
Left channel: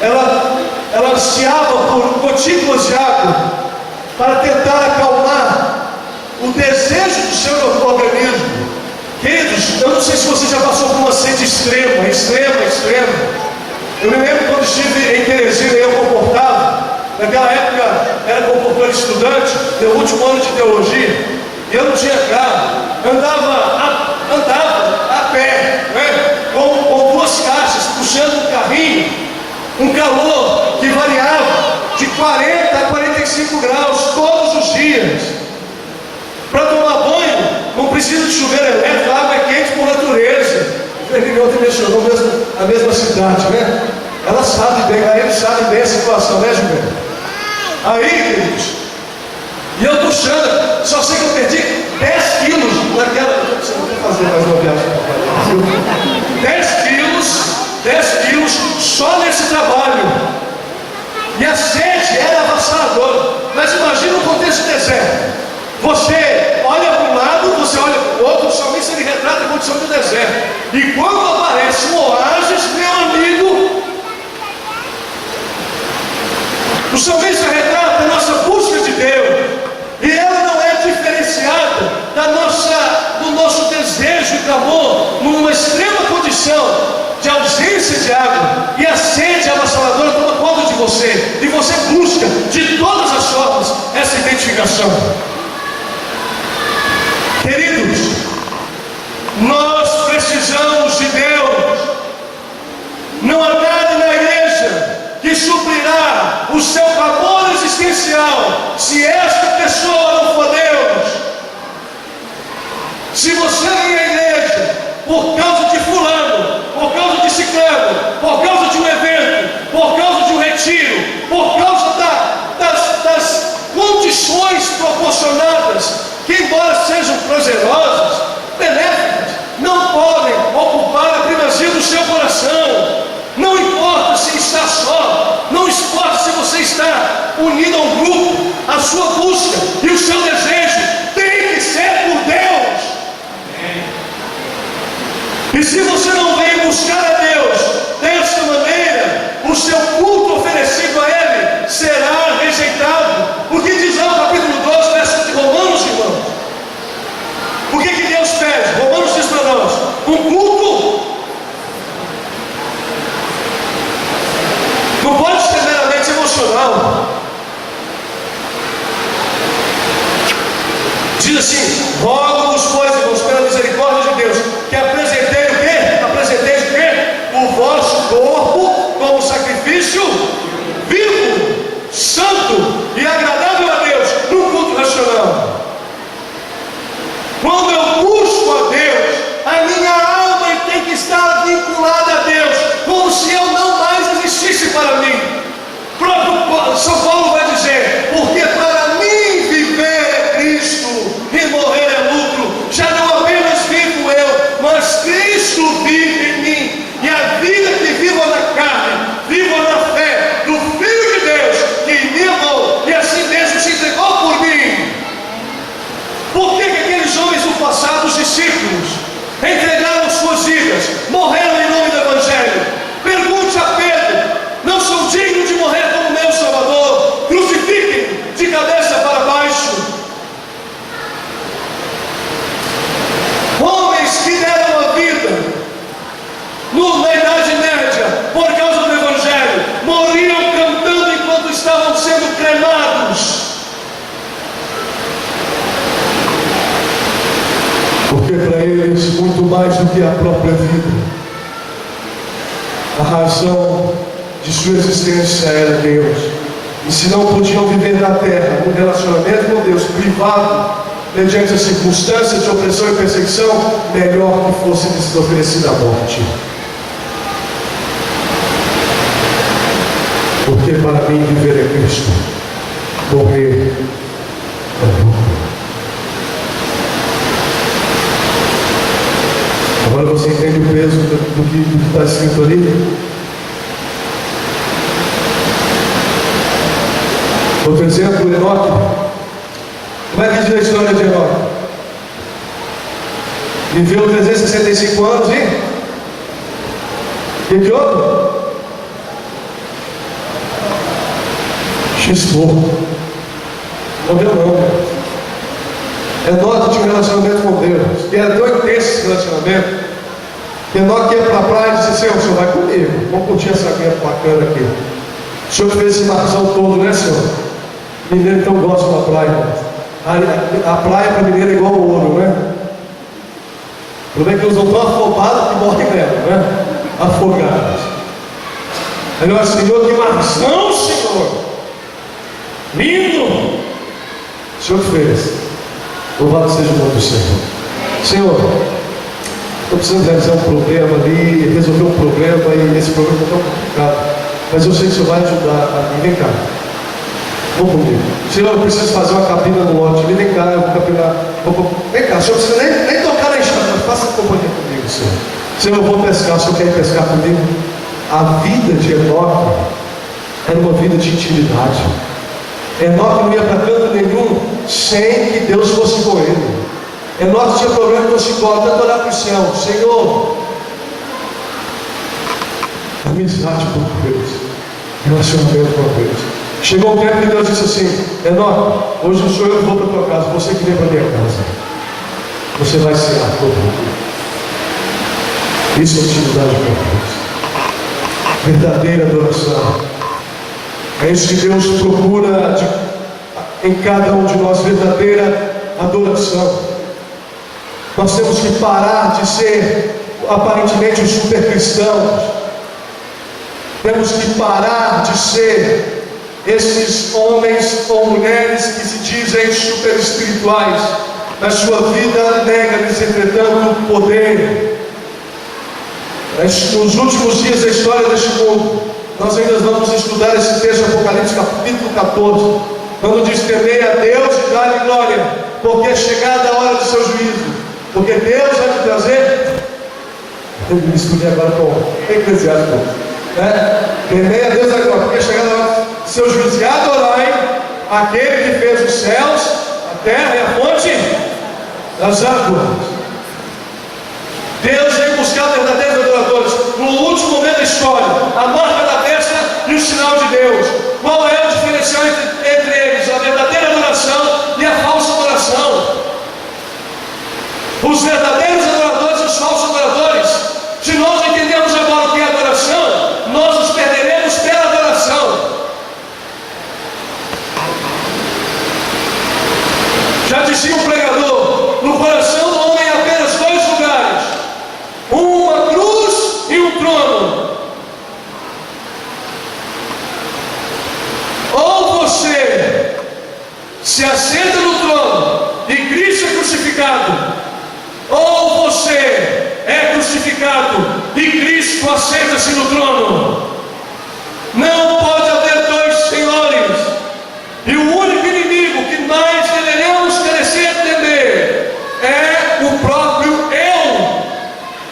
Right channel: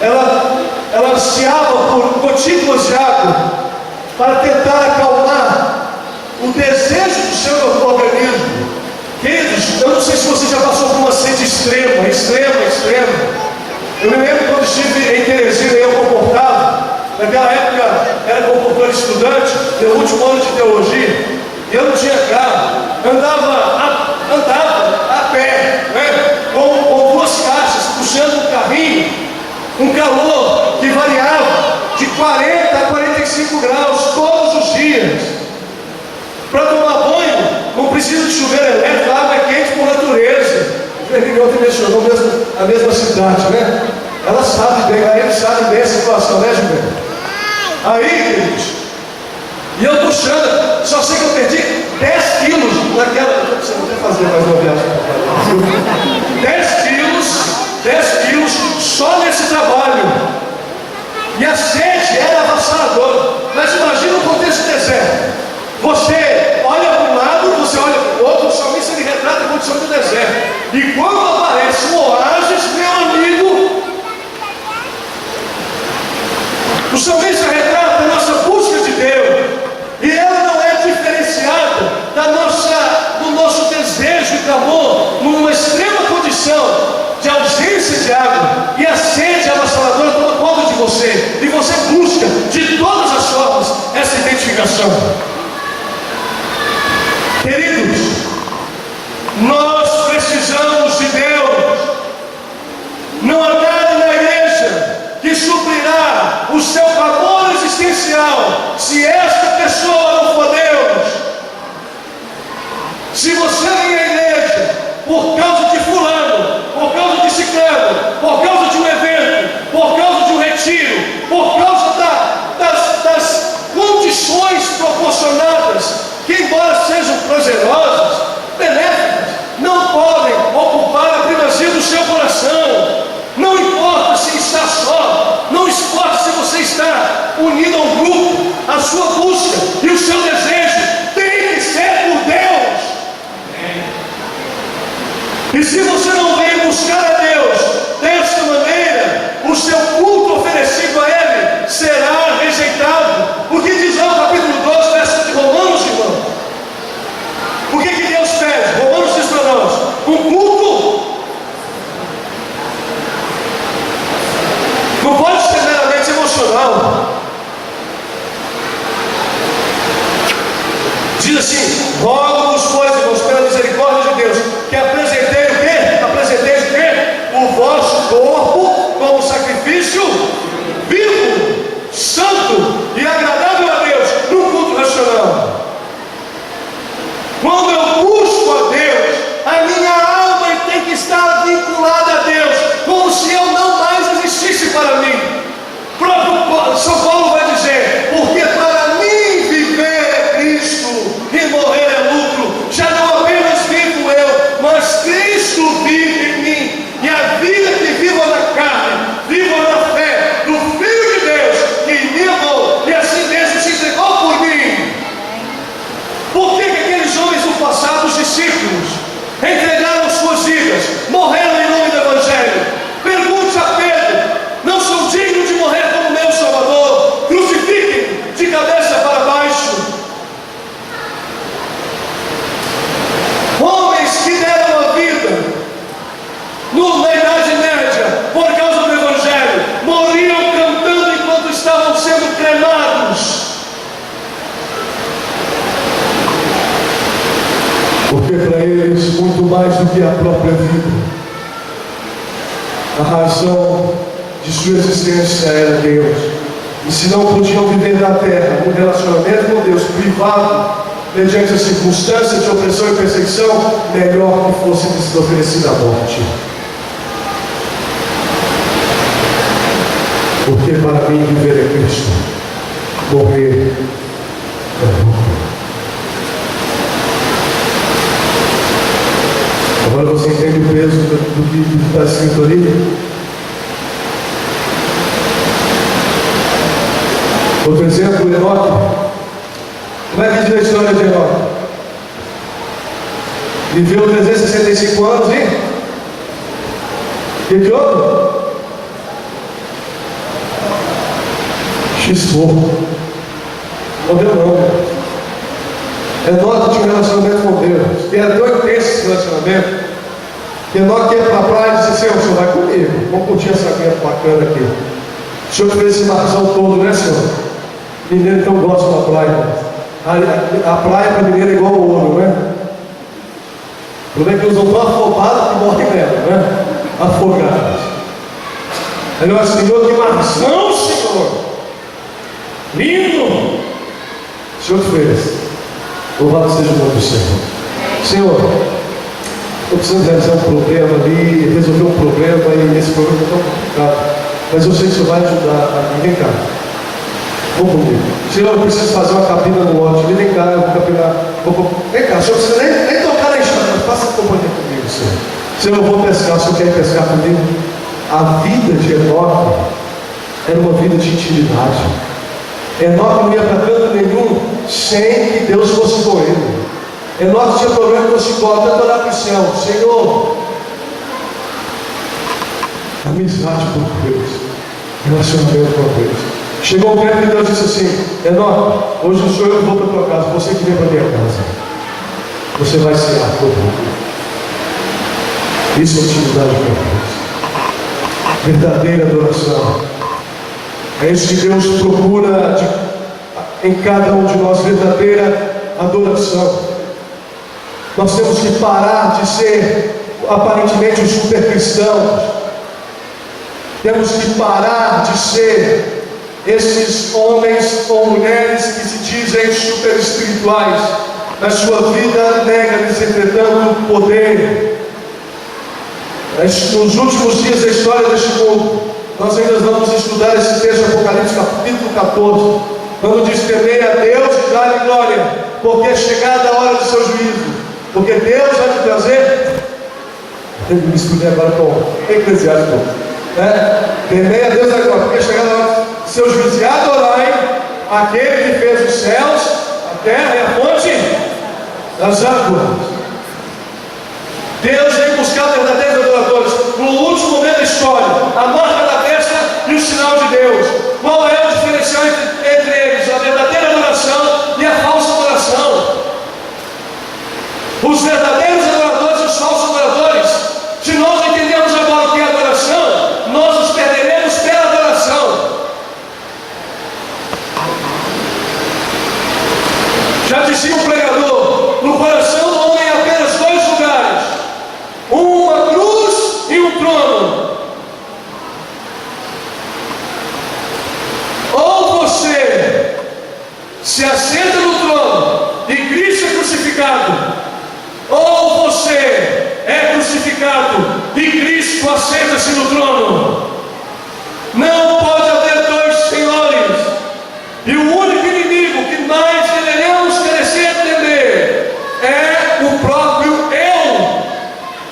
ela ansiava por gotículas de água para tentar acalmar o desejo do seu organismo. Queridos, eu não sei se você já passou por uma sede extrema. Eu me lembro quando estive em Teresina, eu comportava. Naquela época era comportador estudante, meu último ano de teologia. Eu não tinha carro, andava a pé, né? com duas caixas, puxando um carrinho, um calor que variava de 40 a 45 graus todos os dias. Para tomar banho, não precisa de chuveiro elétrico, a água é quente por natureza. O Fernando ontem mencionou a mesma cidade, né? Ela sabe bem, a ele sabe bem a situação, né, Gilberto? Aí, queridos, e eu puxando, só sei que eu perdi 10 quilos naquela. Você não quer fazer mais uma viagem para 10 quilos só nesse trabalho. E a sede era avassaladora. Mas imagina o contexto do deserto. Você olha para um lado, você olha para o outro, o salmista ele retrata a condição do deserto. E quando aparece um oásis, meu amigo, o salmista retrata a nossa busca de Deus. E ela não é diferenciada do nosso desejo e clamor numa extrema condição de ausência de água. E a sede avassaladora toma conta de você. E você busca de todas as formas essa identificação. Queridos, nós precisamos de Deus. Não há nada na igreja que suprirá o seu clamor existencial se esta pessoa não for Deus. Se você vem à igreja por causa de fulano, por causa de ciclano, por causa de um evento, por causa de um retiro, por causa das condições proporcionadas, que embora sejam prazerosas, benéficas, não podem ocupar a primazia do seu coração. Não importa se está só, não importa se você está unido a um grupo, a sua busca e o seu desejo tem que ser por Deus. E se você não vem buscar a Deus dessa maneira, o seu culto oferecido a Ele será rejeitado. O que diz lá o capítulo 12, verso de Romanos, irmãos? O que Deus pede? Romanos diz para nós: um culto não pode ser meramente emocional. Diz assim: rogo-vos, pois, irmãos, pela misericórdia de Deus, que apresentei o quê? Apresentei o quê? O vosso corpo como sacrifício vivo, santo e agradável a Deus, num culto racional. Quando eu busco a Deus, a minha alma tem que estar vinculada a Deus, como se eu não mais existisse para mim. O próprio São Paulo vai dizer: porque para mim viver é Cristo e morrer é lucro. Já não apenas vivo eu, mas Cristo vive em mim. E a vida que vivo na carne, vivo na fé do Filho de Deus, que me amou e assim mesmo se entregou por mim. Por que aqueles homens do passado, os discípulos, entregaram suas vidas, morreram em nome do Evangelho? Pergunte a Pedro: não sou digno de morrer como meu Salvador? Crucifiquem de cabeça para baixo. Homens que deram a vida na Idade Média por causa do Evangelho, morriam cantando enquanto estavam sendo cremados. Porque para eles, muito mais do que a própria vida, a razão de sua existência era Deus. E se não podiam viver na terra, um relacionamento com Deus privado, mediante as circunstâncias de opressão e perseguição, melhor que fosse lhes oferecida a morte. Porque para mim viver é Cristo, morrer é lucro. Agora você entende o peso do que está escrito ali? Outro exemplo, Enoque. Como é que diz a história de Enoque? Viveu 365 anos, hein? O que houve? Xistou. Morreu não. Enoque tinha um relacionamento com Deus, que era tão intenso esse relacionamento, que Enoque ia para a praia e disse assim: o senhor vai comigo, vamos curtir essa guerra bacana aqui. O senhor fez esse marzão todo, né, senhor? Mineiro então gosta da praia. A praia para mineiro é igual ao ouro, né? O problema é que eles não estão afobados que morrem nela, né? Afogados. Aí nós, Senhor, que marzão, Senhor! Lindo! O senhor fez. Louvado seja o nome do Senhor. Senhor, estou precisando realizar um problema ali, resolver um problema, e esse problema está tão complicado, mas eu sei que o Senhor vai ajudar a mim. Vem cá. Vamos comigo. Senhor, eu preciso fazer uma cabina no lote. Vem cá, eu vou capinar. Vem cá, o senhor não precisa nem tocar na estrada. Faça companhia comigo, Senhor. Senhor, eu vou pescar. O senhor quer ir pescar comigo? A vida de Enoque era uma vida de intimidade. Enoque não ia para canto nenhum sem que Deus fosse com ele. Enoque tinha problema com o psicólogo, tanto orar para o céu. Senhor, amizade com Deus, relacionamento com Deus. Chegou o tempo que Deus disse assim: Enoque, hoje não sou eu que vou para a tua casa, você que vem para a minha casa. Você vai ser a tua vida. Isso é intimidade com Deus, verdadeira adoração. É isso que Deus procura em cada um de nós, verdadeira adoração. Nós temos que parar de ser aparentemente os super cristãos. Temos que parar de ser esses homens ou mulheres que se dizem super espirituais. Na sua vida nega-lhes, entretanto, o poder. Nos últimos dias da história deste mundo, nós ainda vamos estudar esse texto, Apocalipse capítulo 14, quando diz: temei a Deus e dá-lhe glória, porque é chegada a hora do seu juízo. Porque Deus vai te trazer. Eu me estudei agora com Eclesiástico, né? Temei a Deus e dá-lhe glória, porque é chegada a hora do seu juízo. E adorai aquele que fez os céus, a terra e a fonte das águas. Deus vem buscar verdadeiros adoradores. No último momento da história, a marca da besta e o sinal de Deus. Qual é o diferencial entre eles? A verdadeira adoração e a falsa adoração. Os verdadeiros adoradores e os falsos adoradores. Se nós entendemos agora o que é adoração, nós nos perderemos pela adoração. Já dizia um pregador: no coração do homem há apenas dois lugares, uma cruz e um trono. Ou você se assenta no trono e Cristo é crucificado, ou você é crucificado e Cristo assenta-se no trono. Não pode haver dois senhores. E o único inimigo que nós deveríamos crescer a temer é o próprio eu.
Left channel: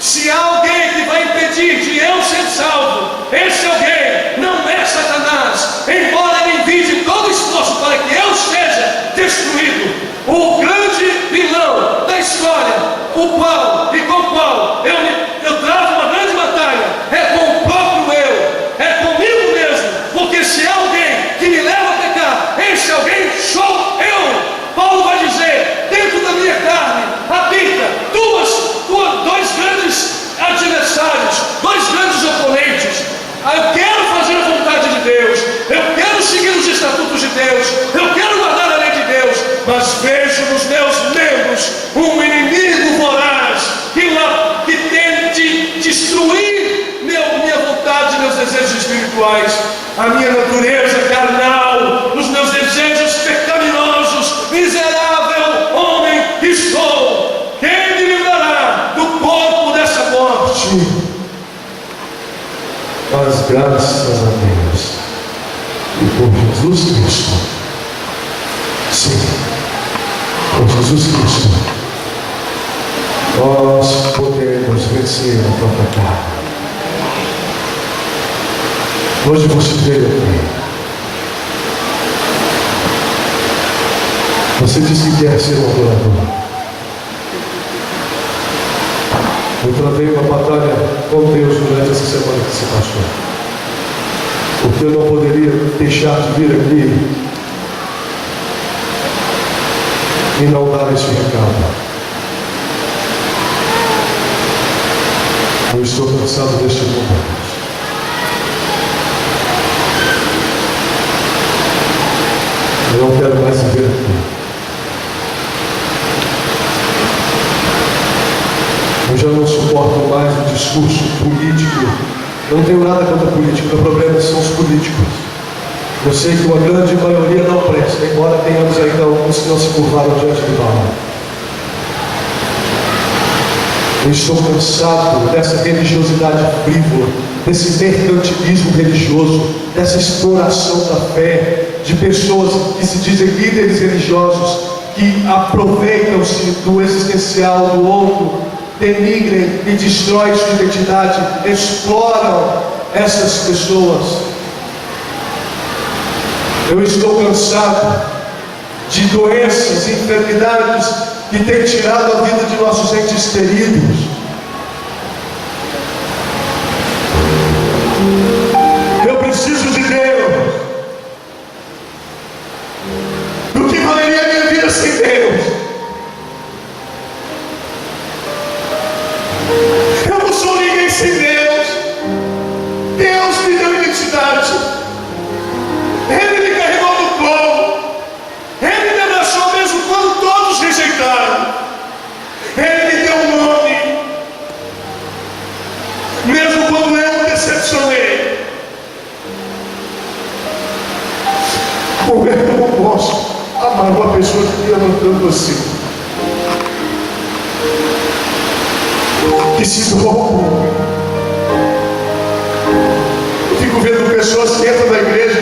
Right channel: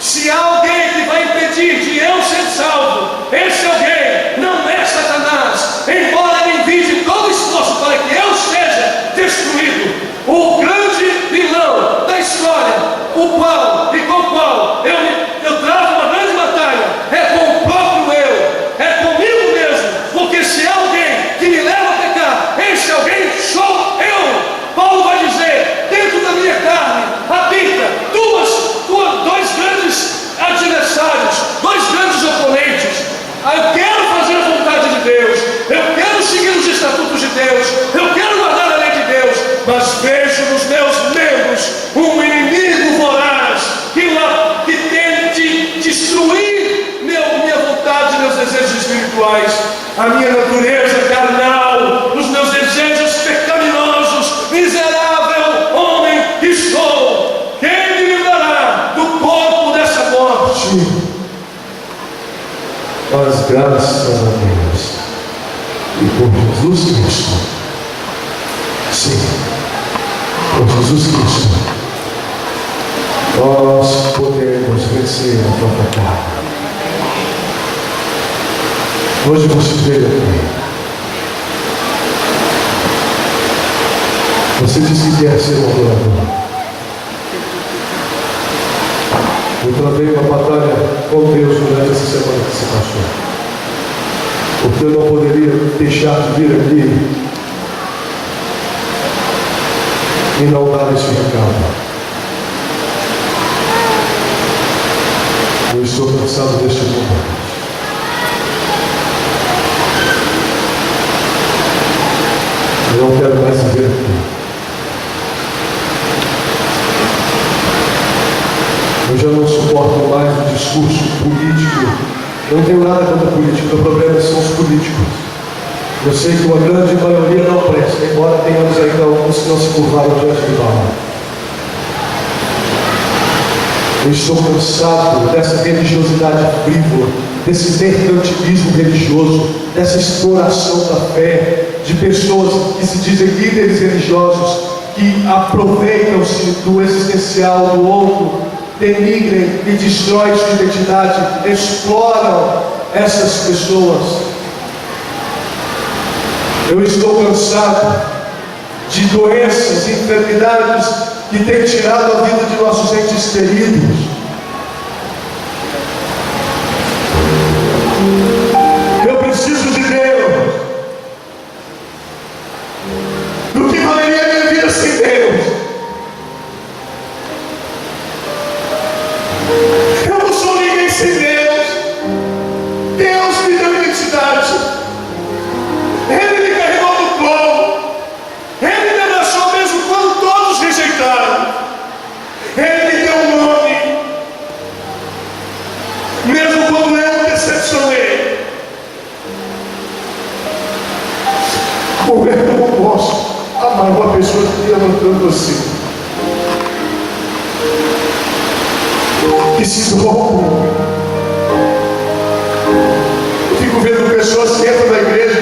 Se há alguém que vai impedir de eu ser salvo, esse alguém não é Satanás, embora ele envie todo esforço para que eu seja destruído. O grande vilão da história, o qual e com o qual eu travo uma grande batalha, é com o próprio eu, é comigo mesmo, porque se há alguém que me leva a pecar, esse alguém sou eu. Paulo vai dizer: dentro da minha carne habita dois grandes adversários, dois grandes oponentes. Eu quero fazer a vontade de Deus, eu quero seguir os estatutos de Deus, eu quero guardar a lei de Deus, mas vejo nos meus membros um inimigo voraz que tente destruir minha vontade, meus desejos espirituais, a minha natureza carnal, os meus desejos pecaminosos. Miserável homem que sou, quem me livrará do corpo dessa morte? Mas graças a Deus e por Jesus Cristo, sim, por Jesus Cristo, nós podemos vencer a própria carne. Hoje você veio aqui, você disse que quer ser um adorador. Eu travei uma batalha com Deus durante essa semana que se passou, porque eu não poderia deixar de vir aqui e não dar esse recado. Eu estou cansado deste mundo. Eu não quero mais viver aqui. Eu já não suporto mais o discurso político. Eu não tenho nada contra a política, o problema são os políticos. Eu sei que uma grande maioria não presta, embora tenhamos ainda alguns que não se curvaram diante de Baal. Eu estou cansado dessa religiosidade frívola, desse mercantilismo religioso, dessa exploração da fé, de pessoas que se dizem líderes religiosos, que aproveitam-se do existencial do outro, denigrem e destroem sua identidade, exploram essas pessoas. Eu estou cansado de doenças e enfermidades que têm tirado a vida de nossos entes queridos. Eu preciso de Deus. Do que valeria a minha vida sem Deus? Eu não sou ninguém sem Deus. Deus me deu identidade. Ele me carregou no colo. Ele me abraçou mesmo quando todos rejeitaram. Ele me deu um nome, mesmo quando eu decepcionei. Como é que eu não posso amar uma pessoa que me ama tanto assim? Que se doa por mim. Eu fico vendo pessoas que entram na igreja,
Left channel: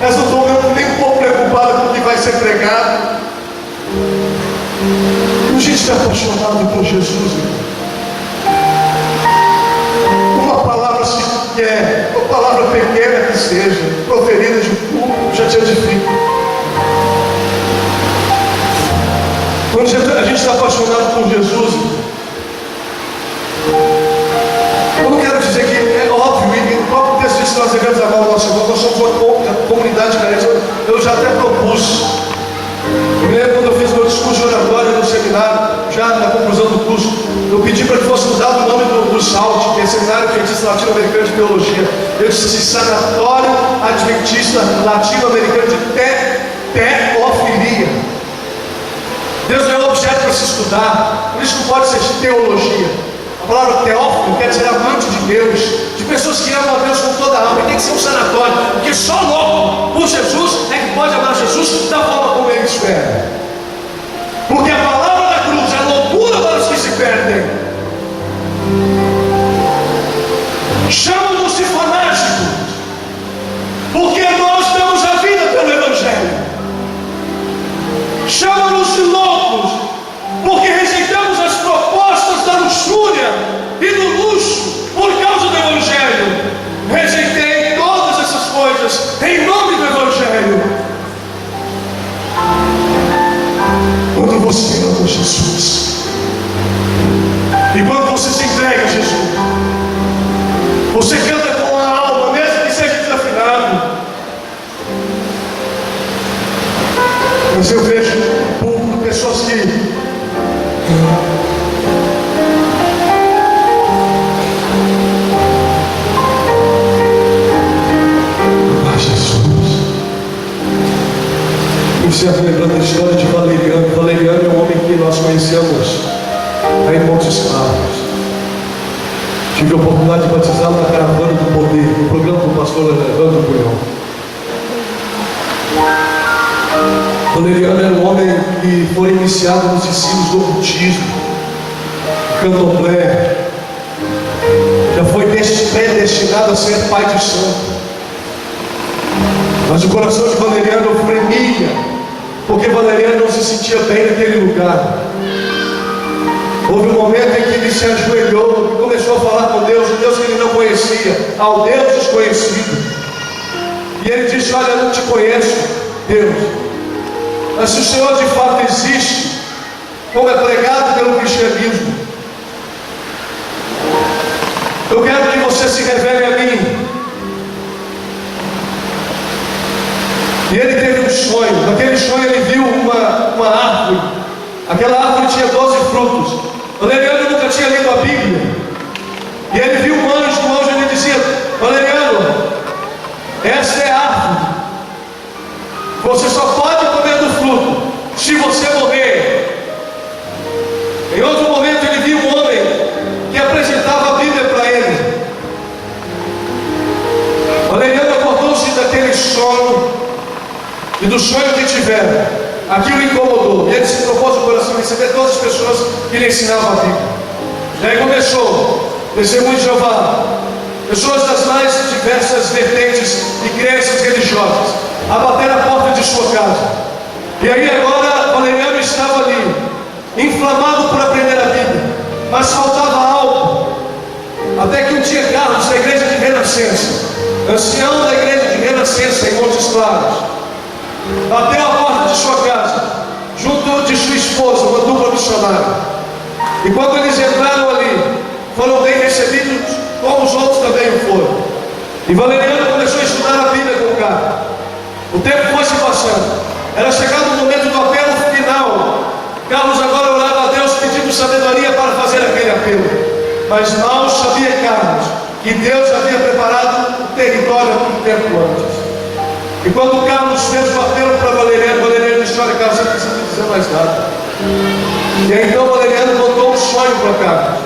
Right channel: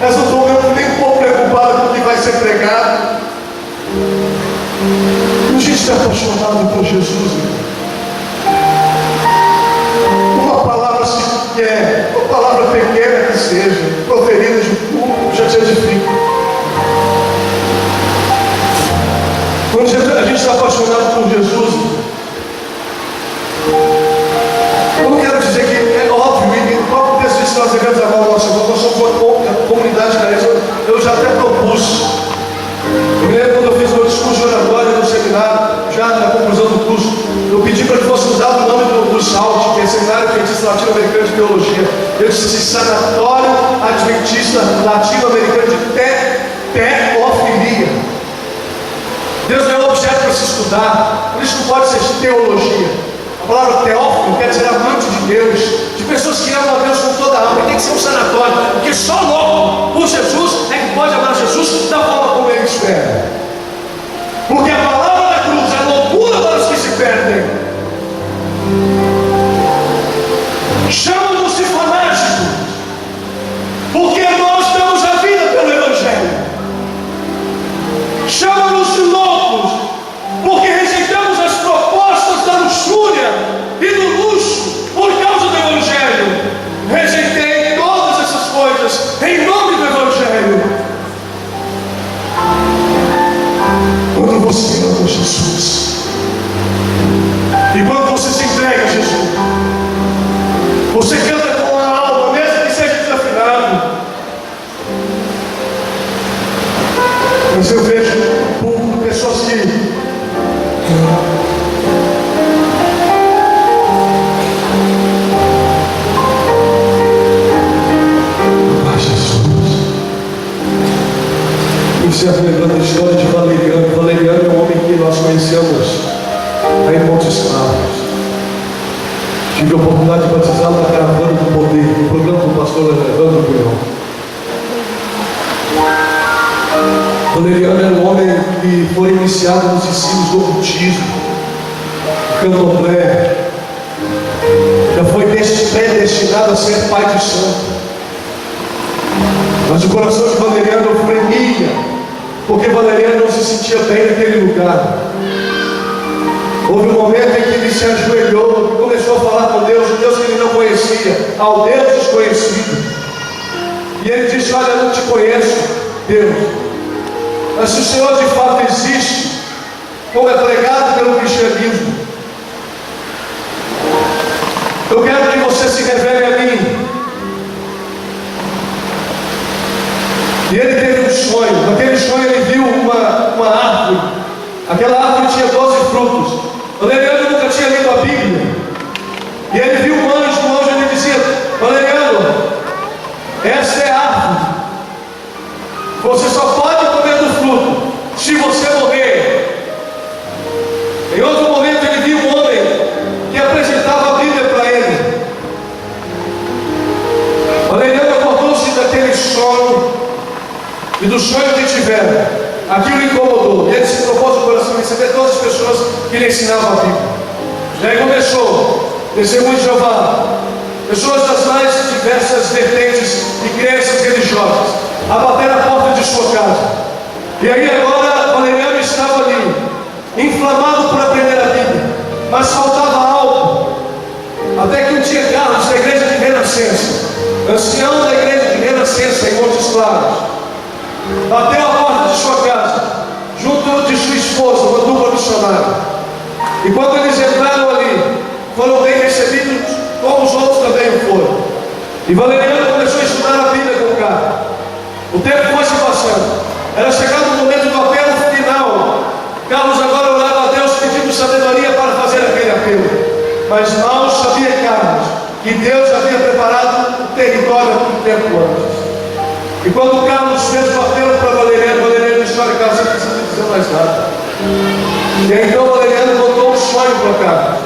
elas não estão nem um pouco preocupadas com o que vai ser pregado. A gente está apaixonado por Jesus. Uma palavra sequer, uma palavra pequena que seja, proferida de público, já te edifica. Quando a gente está apaixonado por Jesus, eu não quero dizer que é óbvio, e o próprio texto diz que nós devemos amar o nosso irmão, nós somos uma comunidade carente. Eu já até propus. Eu me lembro quando eu fiz meu discurso de oratória no seminário, já na conclusão do curso, eu pedi para que fosse usado o nome do SALT, que é Seminário Adventista Latino-Americano de Teologia. Eu disse assim: Sanatório Adventista Latino-Americano de Teofilia. Deus não é um objeto para se estudar, por isso não pode ser teologia. A palavra teófilo quer dizer amante de Deus, de pessoas que amam a Deus com toda a alma. E tem que ser um sanatório, porque só louco por Jesus é que pode amar Jesus da forma como Ele espera. Porque a palavra da cruz é loucura para os que se perdem. Chamam-nos de fanáticos, porque nós damos a vida pelo Evangelho. Chamam-nos de loucos, porque rejeitamos as propostas da luxúria e do luxo por causa do Evangelho. Rejeitei todas essas coisas em nome do Evangelho. Quando você ama Jesus e quando você se entrega a Jesus, você canta com a alma, mesmo que seja desafinado. Mas eu vejo pessoas que encerro lembrando a história de Valeriano. Valeriano é um homem que nós conhecemos aí em Montes Claros. Tive a oportunidade de batizá-lo na Caravana do Poder, no programa do pastor Evandro Cunhão. Valeriano era um homem que foi iniciado nos ensinos do ocultismo, do candomblé, já foi predestinado a ser pai de santo. Mas o coração de Valeriano fremia, porque Valeriano não se sentia bem naquele lugar. Houve um momento em que ele se ajoelhou e começou a falar com Deus, o Deus que ele não conhecia, ao Deus desconhecido. E ele disse: olha, eu não te conheço, Deus, mas se o Senhor de fato existe, como é pregado pelo cristianismo, eu quero que você se revele a mim. E ele teve um sonho. Naquele sonho ele viu uma árvore. Aquela árvore tinha 12 frutos. Valeriano nunca tinha lido a Bíblia. E ele viu um anjo ele dizia: Valeriano, essa é a árvore. Você só pode comer do fruto se você morrer. Em outro momento ele viu um homem que apresentava a Bíblia para ele. Valeriano acordou-se daquele sonho, e do sonho que tiveram, aquilo incomodou. E ele se propôs no coração receber todas as pessoas que lhe ensinavam a Bíblia. E aí começou, testemunho de Jeová, pessoas das mais diversas vertentes e crenças religiosas, a bater a porta de sua casa. E aí agora Valeriano estava ali, inflamado por aprender a Bíblia, mas faltava algo. Até que um dia Carlos, da igreja de Renascença, ancião da igreja de Renascença em Montes Claros, bateu a porta de sua casa, junto de sua esposa, uma dupla missionária. E quando eles entraram ali, foram bem recebidos, como os outros também o foram. E Valeriano começou a estudar a Bíblia com o Carlos. O tempo foi se passando. Era chegado o momento do apelo final. Carlos agora orava a Deus pedindo sabedoria para fazer aquele apelo. Mas mal sabia Carlos que Deus havia preparado o território muito tempo antes. E quando Carlos fez o apelo para Valeriano disse: olha, Carlos, você não precisa dizer mais nada. E aí, então Valeriano contou um sonho para Carlos.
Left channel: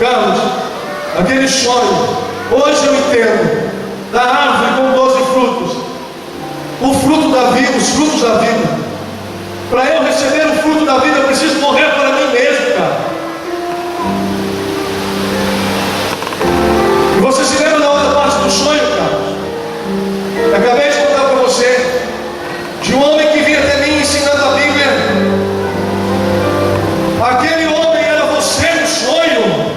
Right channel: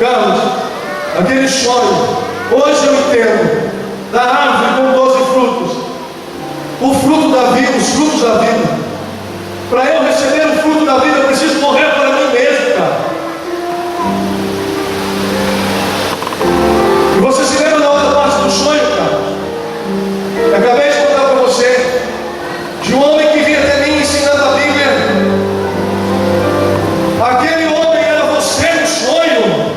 Carlos, aquele sonho, hoje eu entendo, da árvore com 12 frutos, o fruto da vida, os frutos da vida. Para eu receber o fruto da vida, eu preciso morrer para mim mesmo, cara. E você se lembra da outra parte do sonho, Carlos? Eu acabei de contar para você de um homem que vinha até mim ensinando a Bíblia. Aquele homem era você no sonho.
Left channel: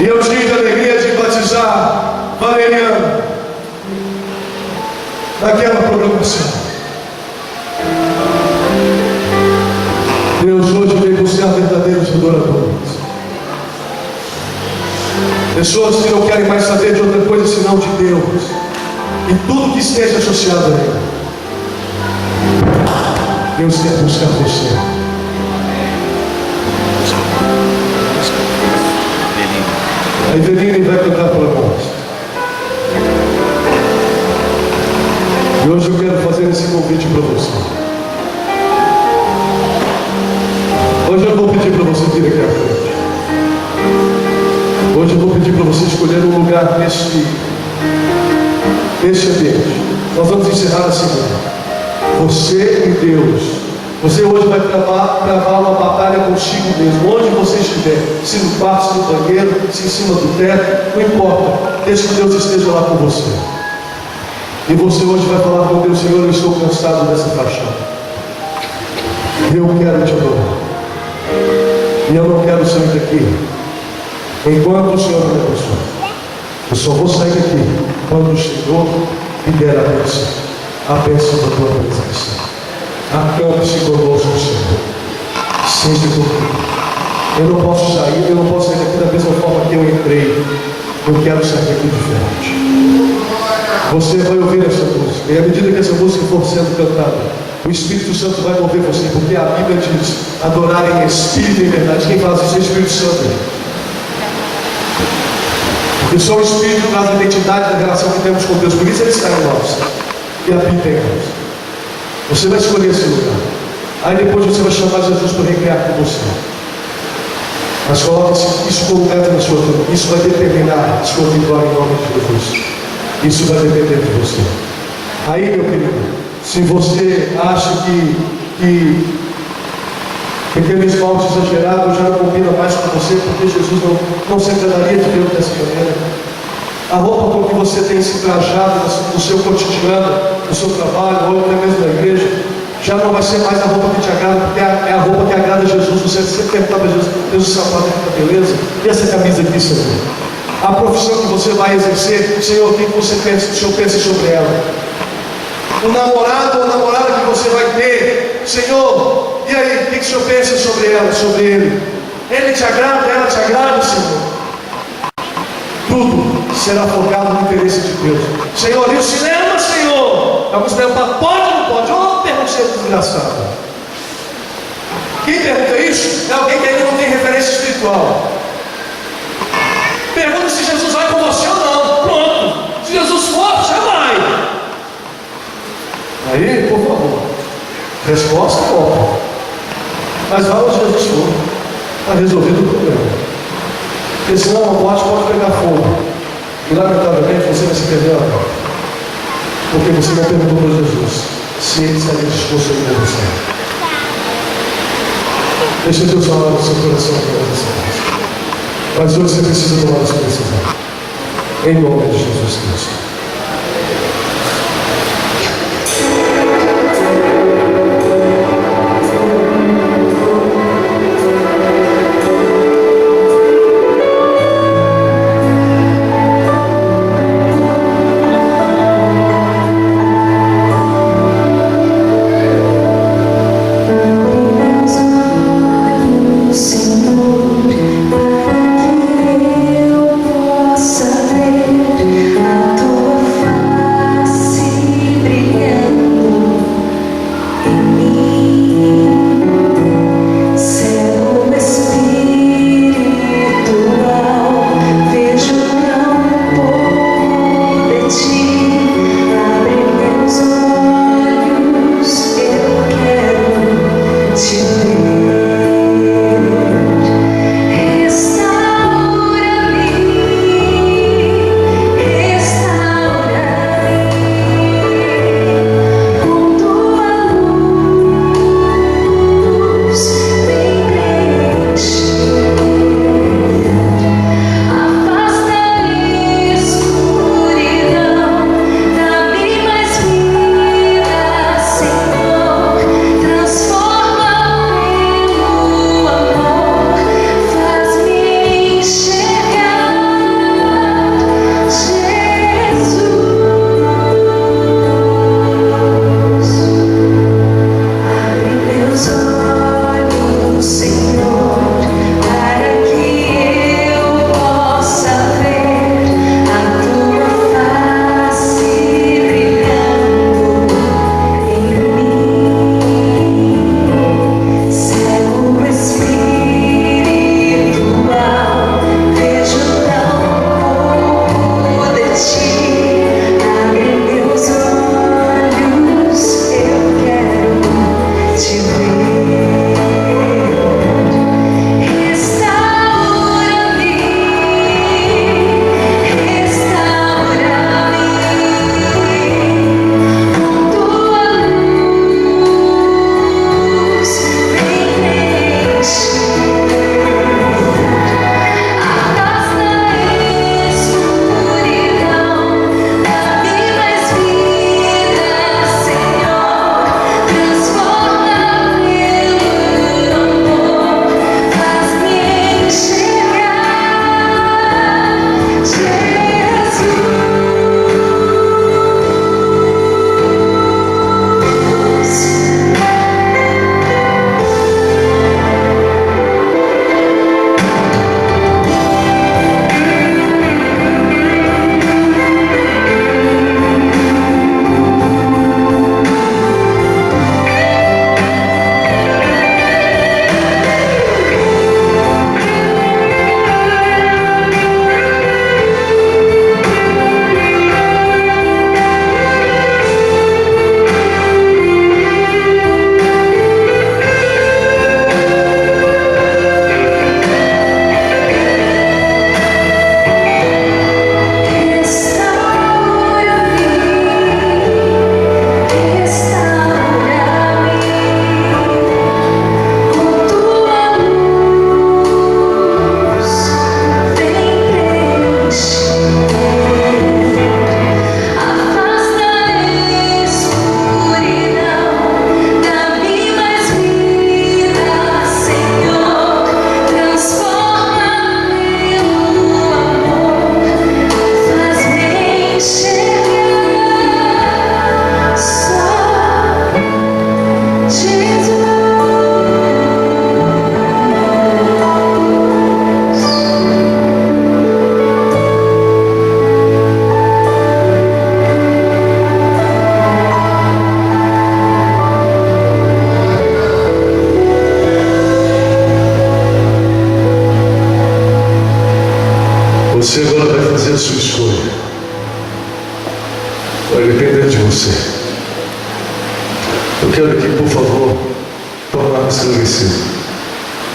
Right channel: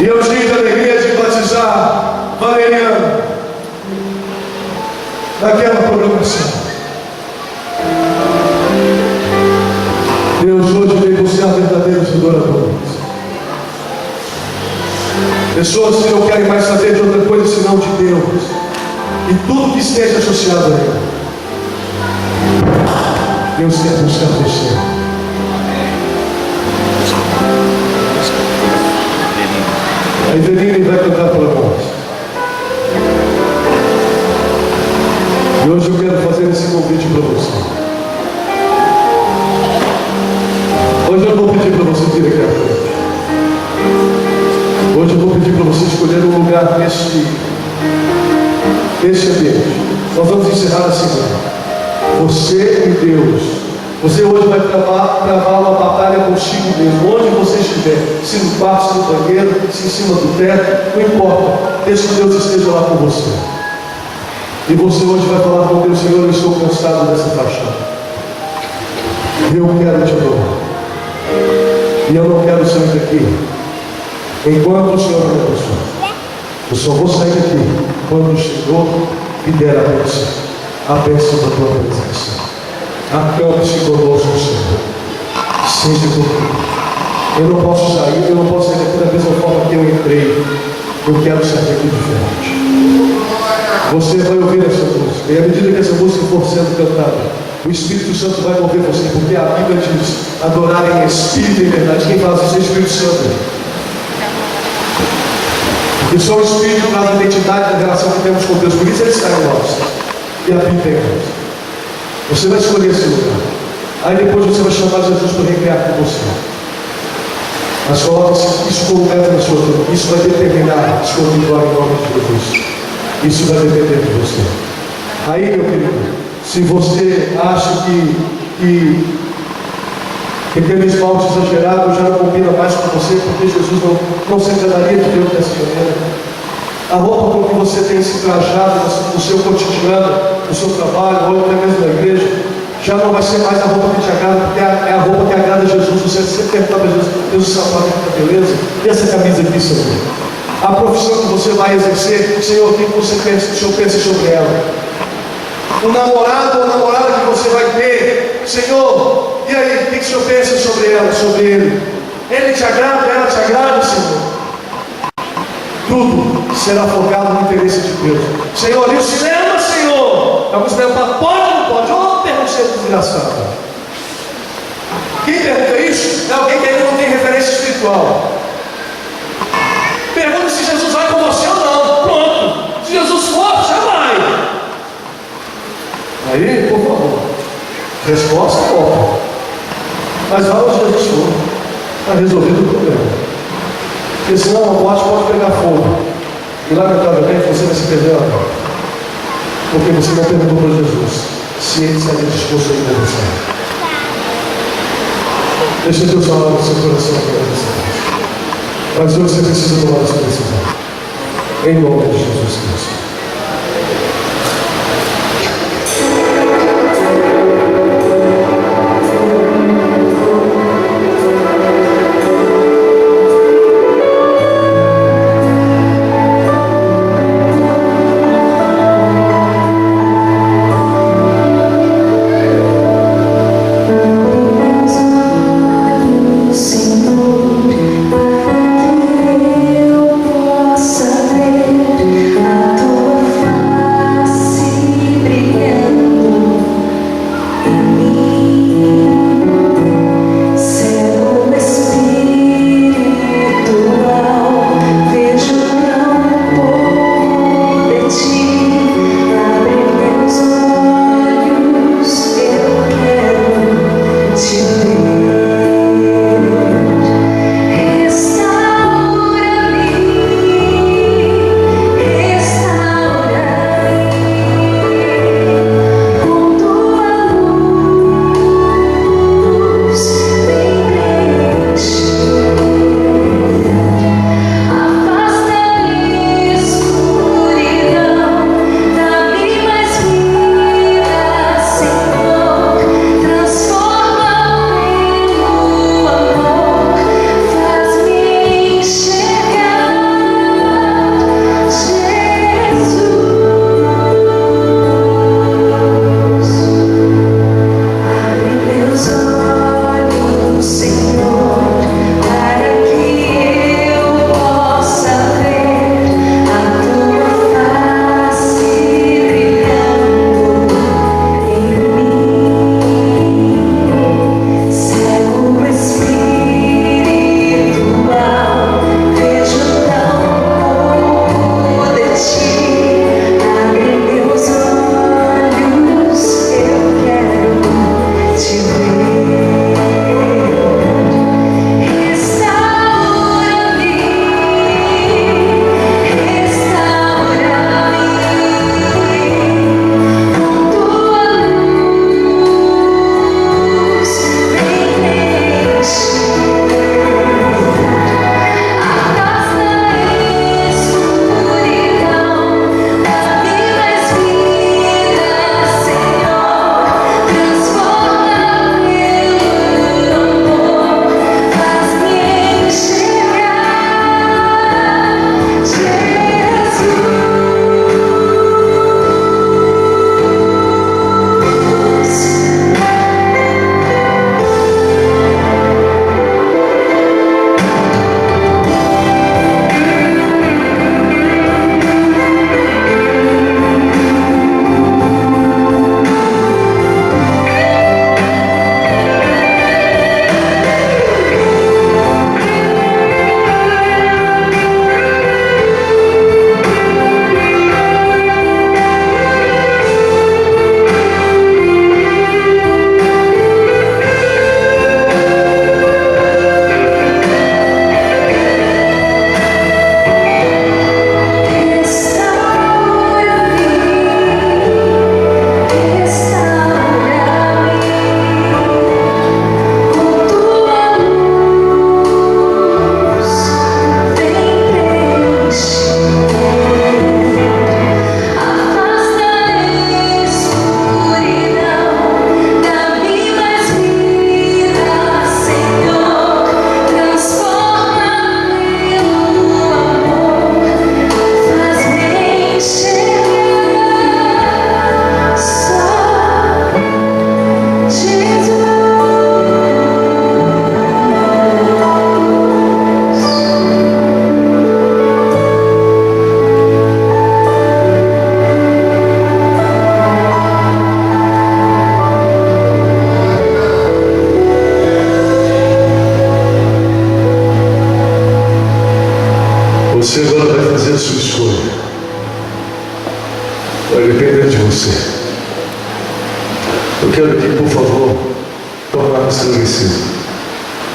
E eu tive a alegria de batizar Valeriano naquela programação. Deus hoje veio buscar verdadeiros adoradores. Pessoas que não querem mais saber de outra coisa senão de Deus e tudo que esteja associado a Ele. Deus quer buscar você. A Eveline vai cantar para nós. E hoje eu quero fazer esse convite para você. Hoje eu vou pedir para você vir aqui à frente. Hoje eu vou pedir para você escolher um lugar neste ambiente. Nós vamos encerrar assim. Você e Deus. Você hoje vai travar uma batalha consigo mesmo. Onde você estiver, se no quarto, se no banheiro, se em cima do teto, não importa. Deixe que Deus esteja lá com você. E você hoje vai falar com Deus: Senhor, eu estou cansado dessa paixão. Eu quero te adorar. E eu não quero sair daqui enquanto o Senhor me abençoa. Eu só vou sair daqui quando o Senhor me der a bênção da tua presença. Acampe-se conosco, Senhor. Seja comigo. Eu não posso sair daqui da mesma forma que eu entrei. Eu quero sair daqui diferente. Você vai ouvir essa música. E à medida que essa música for sendo cantada, o Espírito Santo vai mover você. Porque a Bíblia diz: adorar em espírito e em verdade. Quem faz isso é o Espírito Santo. Porque só o Espírito traz a identidade da relação que temos com Deus. Por isso ele está em nós. E habita em nós. Você vai escolher esse lugar. Aí depois você vai chamar Jesus para recrear com você. Mas coloque isso como meta na sua vida. Isso vai determinar a sua vitória em nome de Jesus. Isso vai depender de você. Aí, meu querido, se você acha que aquele esmalte exagerado já não combina mais com você, porque Jesus não se agradaria de Deus dessa maneira. A roupa com que você tem se trajado no seu cotidiano, no seu trabalho, ou até mesmo na igreja, já não vai ser mais a roupa que te agrada, porque é a roupa que agrada a Jesus. Você sempre pergunta para Jesus: Deus, o sapato aqui está beleza? E essa camisa aqui, Senhor? A profissão que você vai exercer, Senhor, o que o Senhor pensa sobre ela? O namorado ou namorada que você vai ter, Senhor, e aí, o que o Senhor pensa sobre ela, sobre ele? Ele te agrada, ela te agrada, Senhor? Tudo será focado no interesse de Deus. Senhor, e o cinema, Senhor? Alguns perguntam: pode ou não pode? Ou pergunta desgraçada. Quem pergunta isso é alguém que ainda não tem referência espiritual. Pergunta se Jesus vai com você ou não. Pronto. Se Jesus for, já vai. Aí, por favor, resposta é óbvia. Mas vai onde Jesus for. Está resolvido o problema. Porque senão a boate pode pegar fogo. E lamentavelmente você vai se perder a porta. Porque você não perguntou para Jesus se ele estaria disposto a ir com você. Deixa Deus falar no seu coração agora. Mas hoje você precisa tomar a sua decisão. Em nome de Jesus Cristo. Você agora vai fazer a sua escolha. Vai depender de você. Eu quero que, por favor, tornar esclarecido.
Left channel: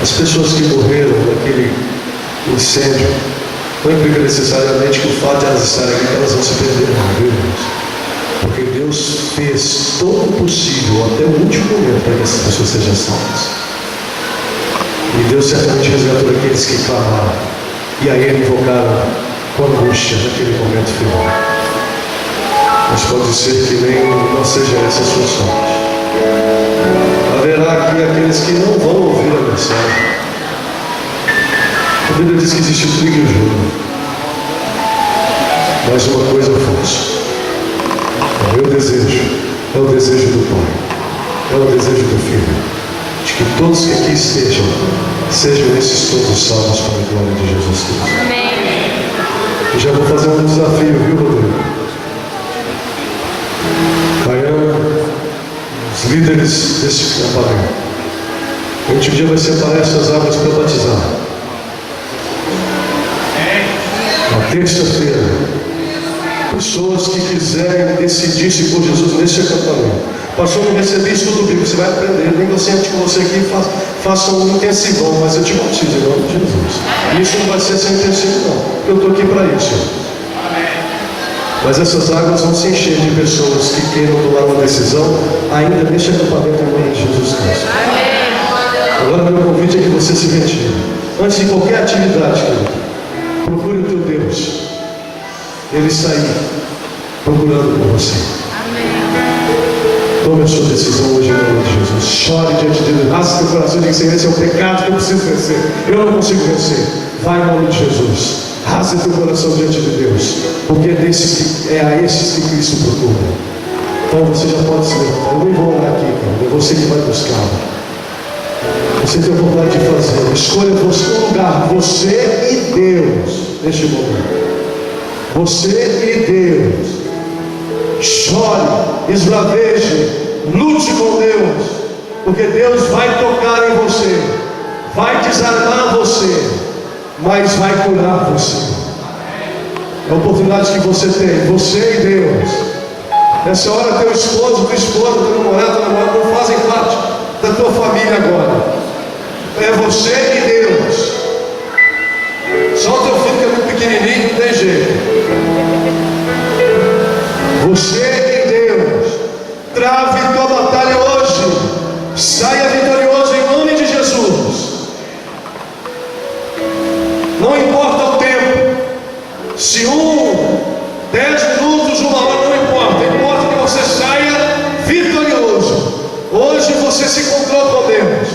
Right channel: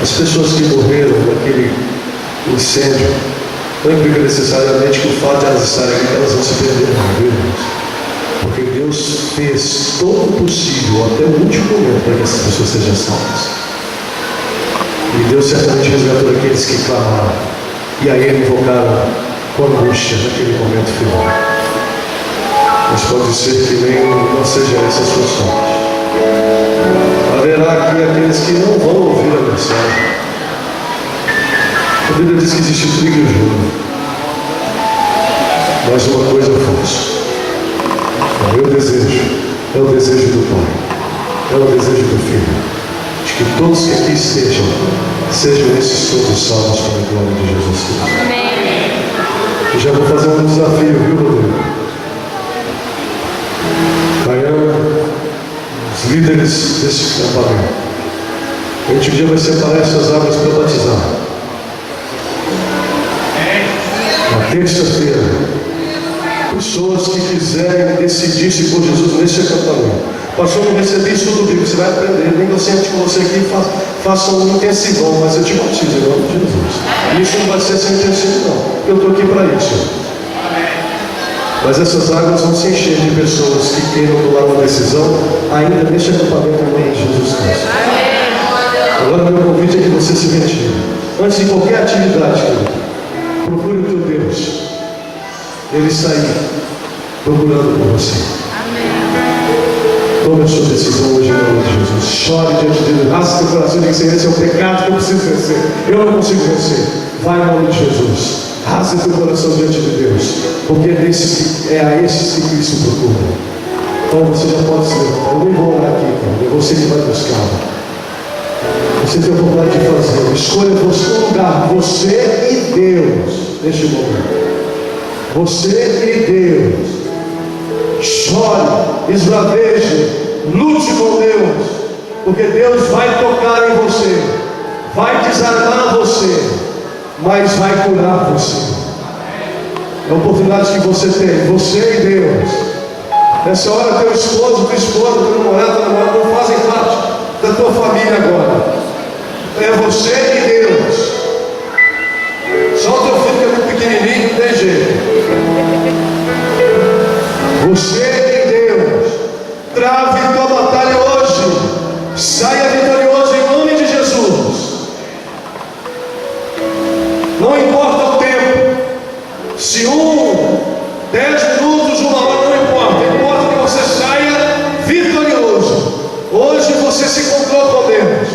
As pessoas que morreram naquele incêndio, não implica necessariamente que o fato de elas estarem aqui, elas vão se perder, viu, irmãos? Porque Deus fez todo o possível, até o último momento, para que essas pessoas sejam salvas. E Deus certamente resgatou aqueles que clamaram e a Ele invocaram com angústia naquele momento final. Mas pode ser que nem não seja essa a sua sorte. Haverá aqui aqueles que não vão ouvir a mensagem. A Bíblia diz que existe trigo e joio. Mas uma coisa eu faço. É o meu desejo, é o desejo do Pai, é o desejo do Filho, de que todos que aqui estejam, sejam esses todos salvos para a glória de Jesus Cristo. Amém. E já vou fazer um desafio, viu, Rodrigo? Baiana, os líderes desse acampamento. A gente um dia vai separar essas águas para batizar. Na terça-feira, pessoas que quiserem decidir-se por Jesus nesse acampamento. Pastor, não recebi estudo bíblico, você vai aprender. Nem eu sente com você aqui, faça um intensivão, mas eu te batizo em nome de Jesus. E isso não vai ser sem intensivo, não. Eu estou aqui para isso. Mas essas águas vão se encher de pessoas que queiram tomar uma decisão ainda neste acampamento em nome de Jesus Cristo. Agora meu convite é que você se retire. Antes de qualquer atividade, querido, procure o teu Deus. Ele está aí, procurando por você. Tome a sua decisão hoje em nome de Jesus. Chore diante de Deus. Rasgue teu coração e diga: Senhor, esse é o pecado que eu preciso vencer. Eu não consigo vencer. Vai em nome de Jesus. Rasgue teu coração diante de Deus. Porque é a esses que Cristo procura. Então você já pode se levantar. Eu nem vou orar aqui, querido. É você que vai buscar. Você tem a oportunidade de fazer. Escolha você um lugar. Você e Deus. Neste momento. Você e Deus. Chore, esbraveje, lute com Deus, porque Deus vai tocar em você, vai desarmar você, mas vai curar você. É a oportunidade que você tem, você e Deus. Nessa hora teu esposo, tua esposa, teu namorado, tua namorada não fazem parte da tua família agora. É você e Deus. Só o teu filho que é muito pequenininho, não tem jeito. Você e Deus. Trave tua batalha hoje. Saia vitorioso em nome de Jesus. Não importa o tempo. Se 10 minutos, 1 hora, não importa. Importa que você saia vitorioso. Hoje você se encontrou com Deus.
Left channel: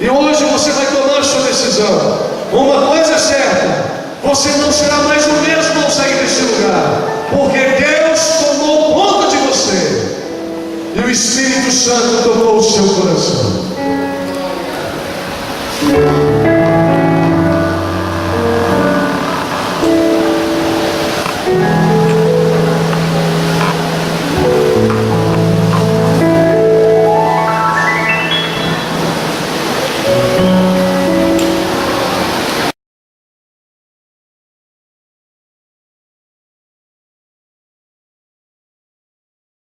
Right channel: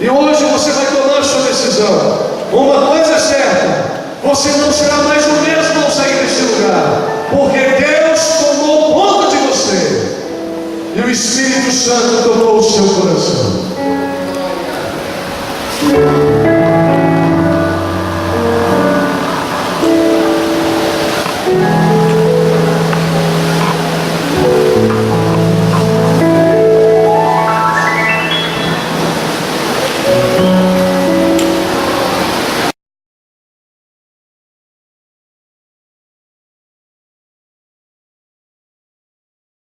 E hoje você vai tomar a sua decisão. Uma coisa é certa: você não será mais o mesmo ao sair desse lugar. Porque Deus tomou conta de você. E o Espírito Santo tomou o seu coração.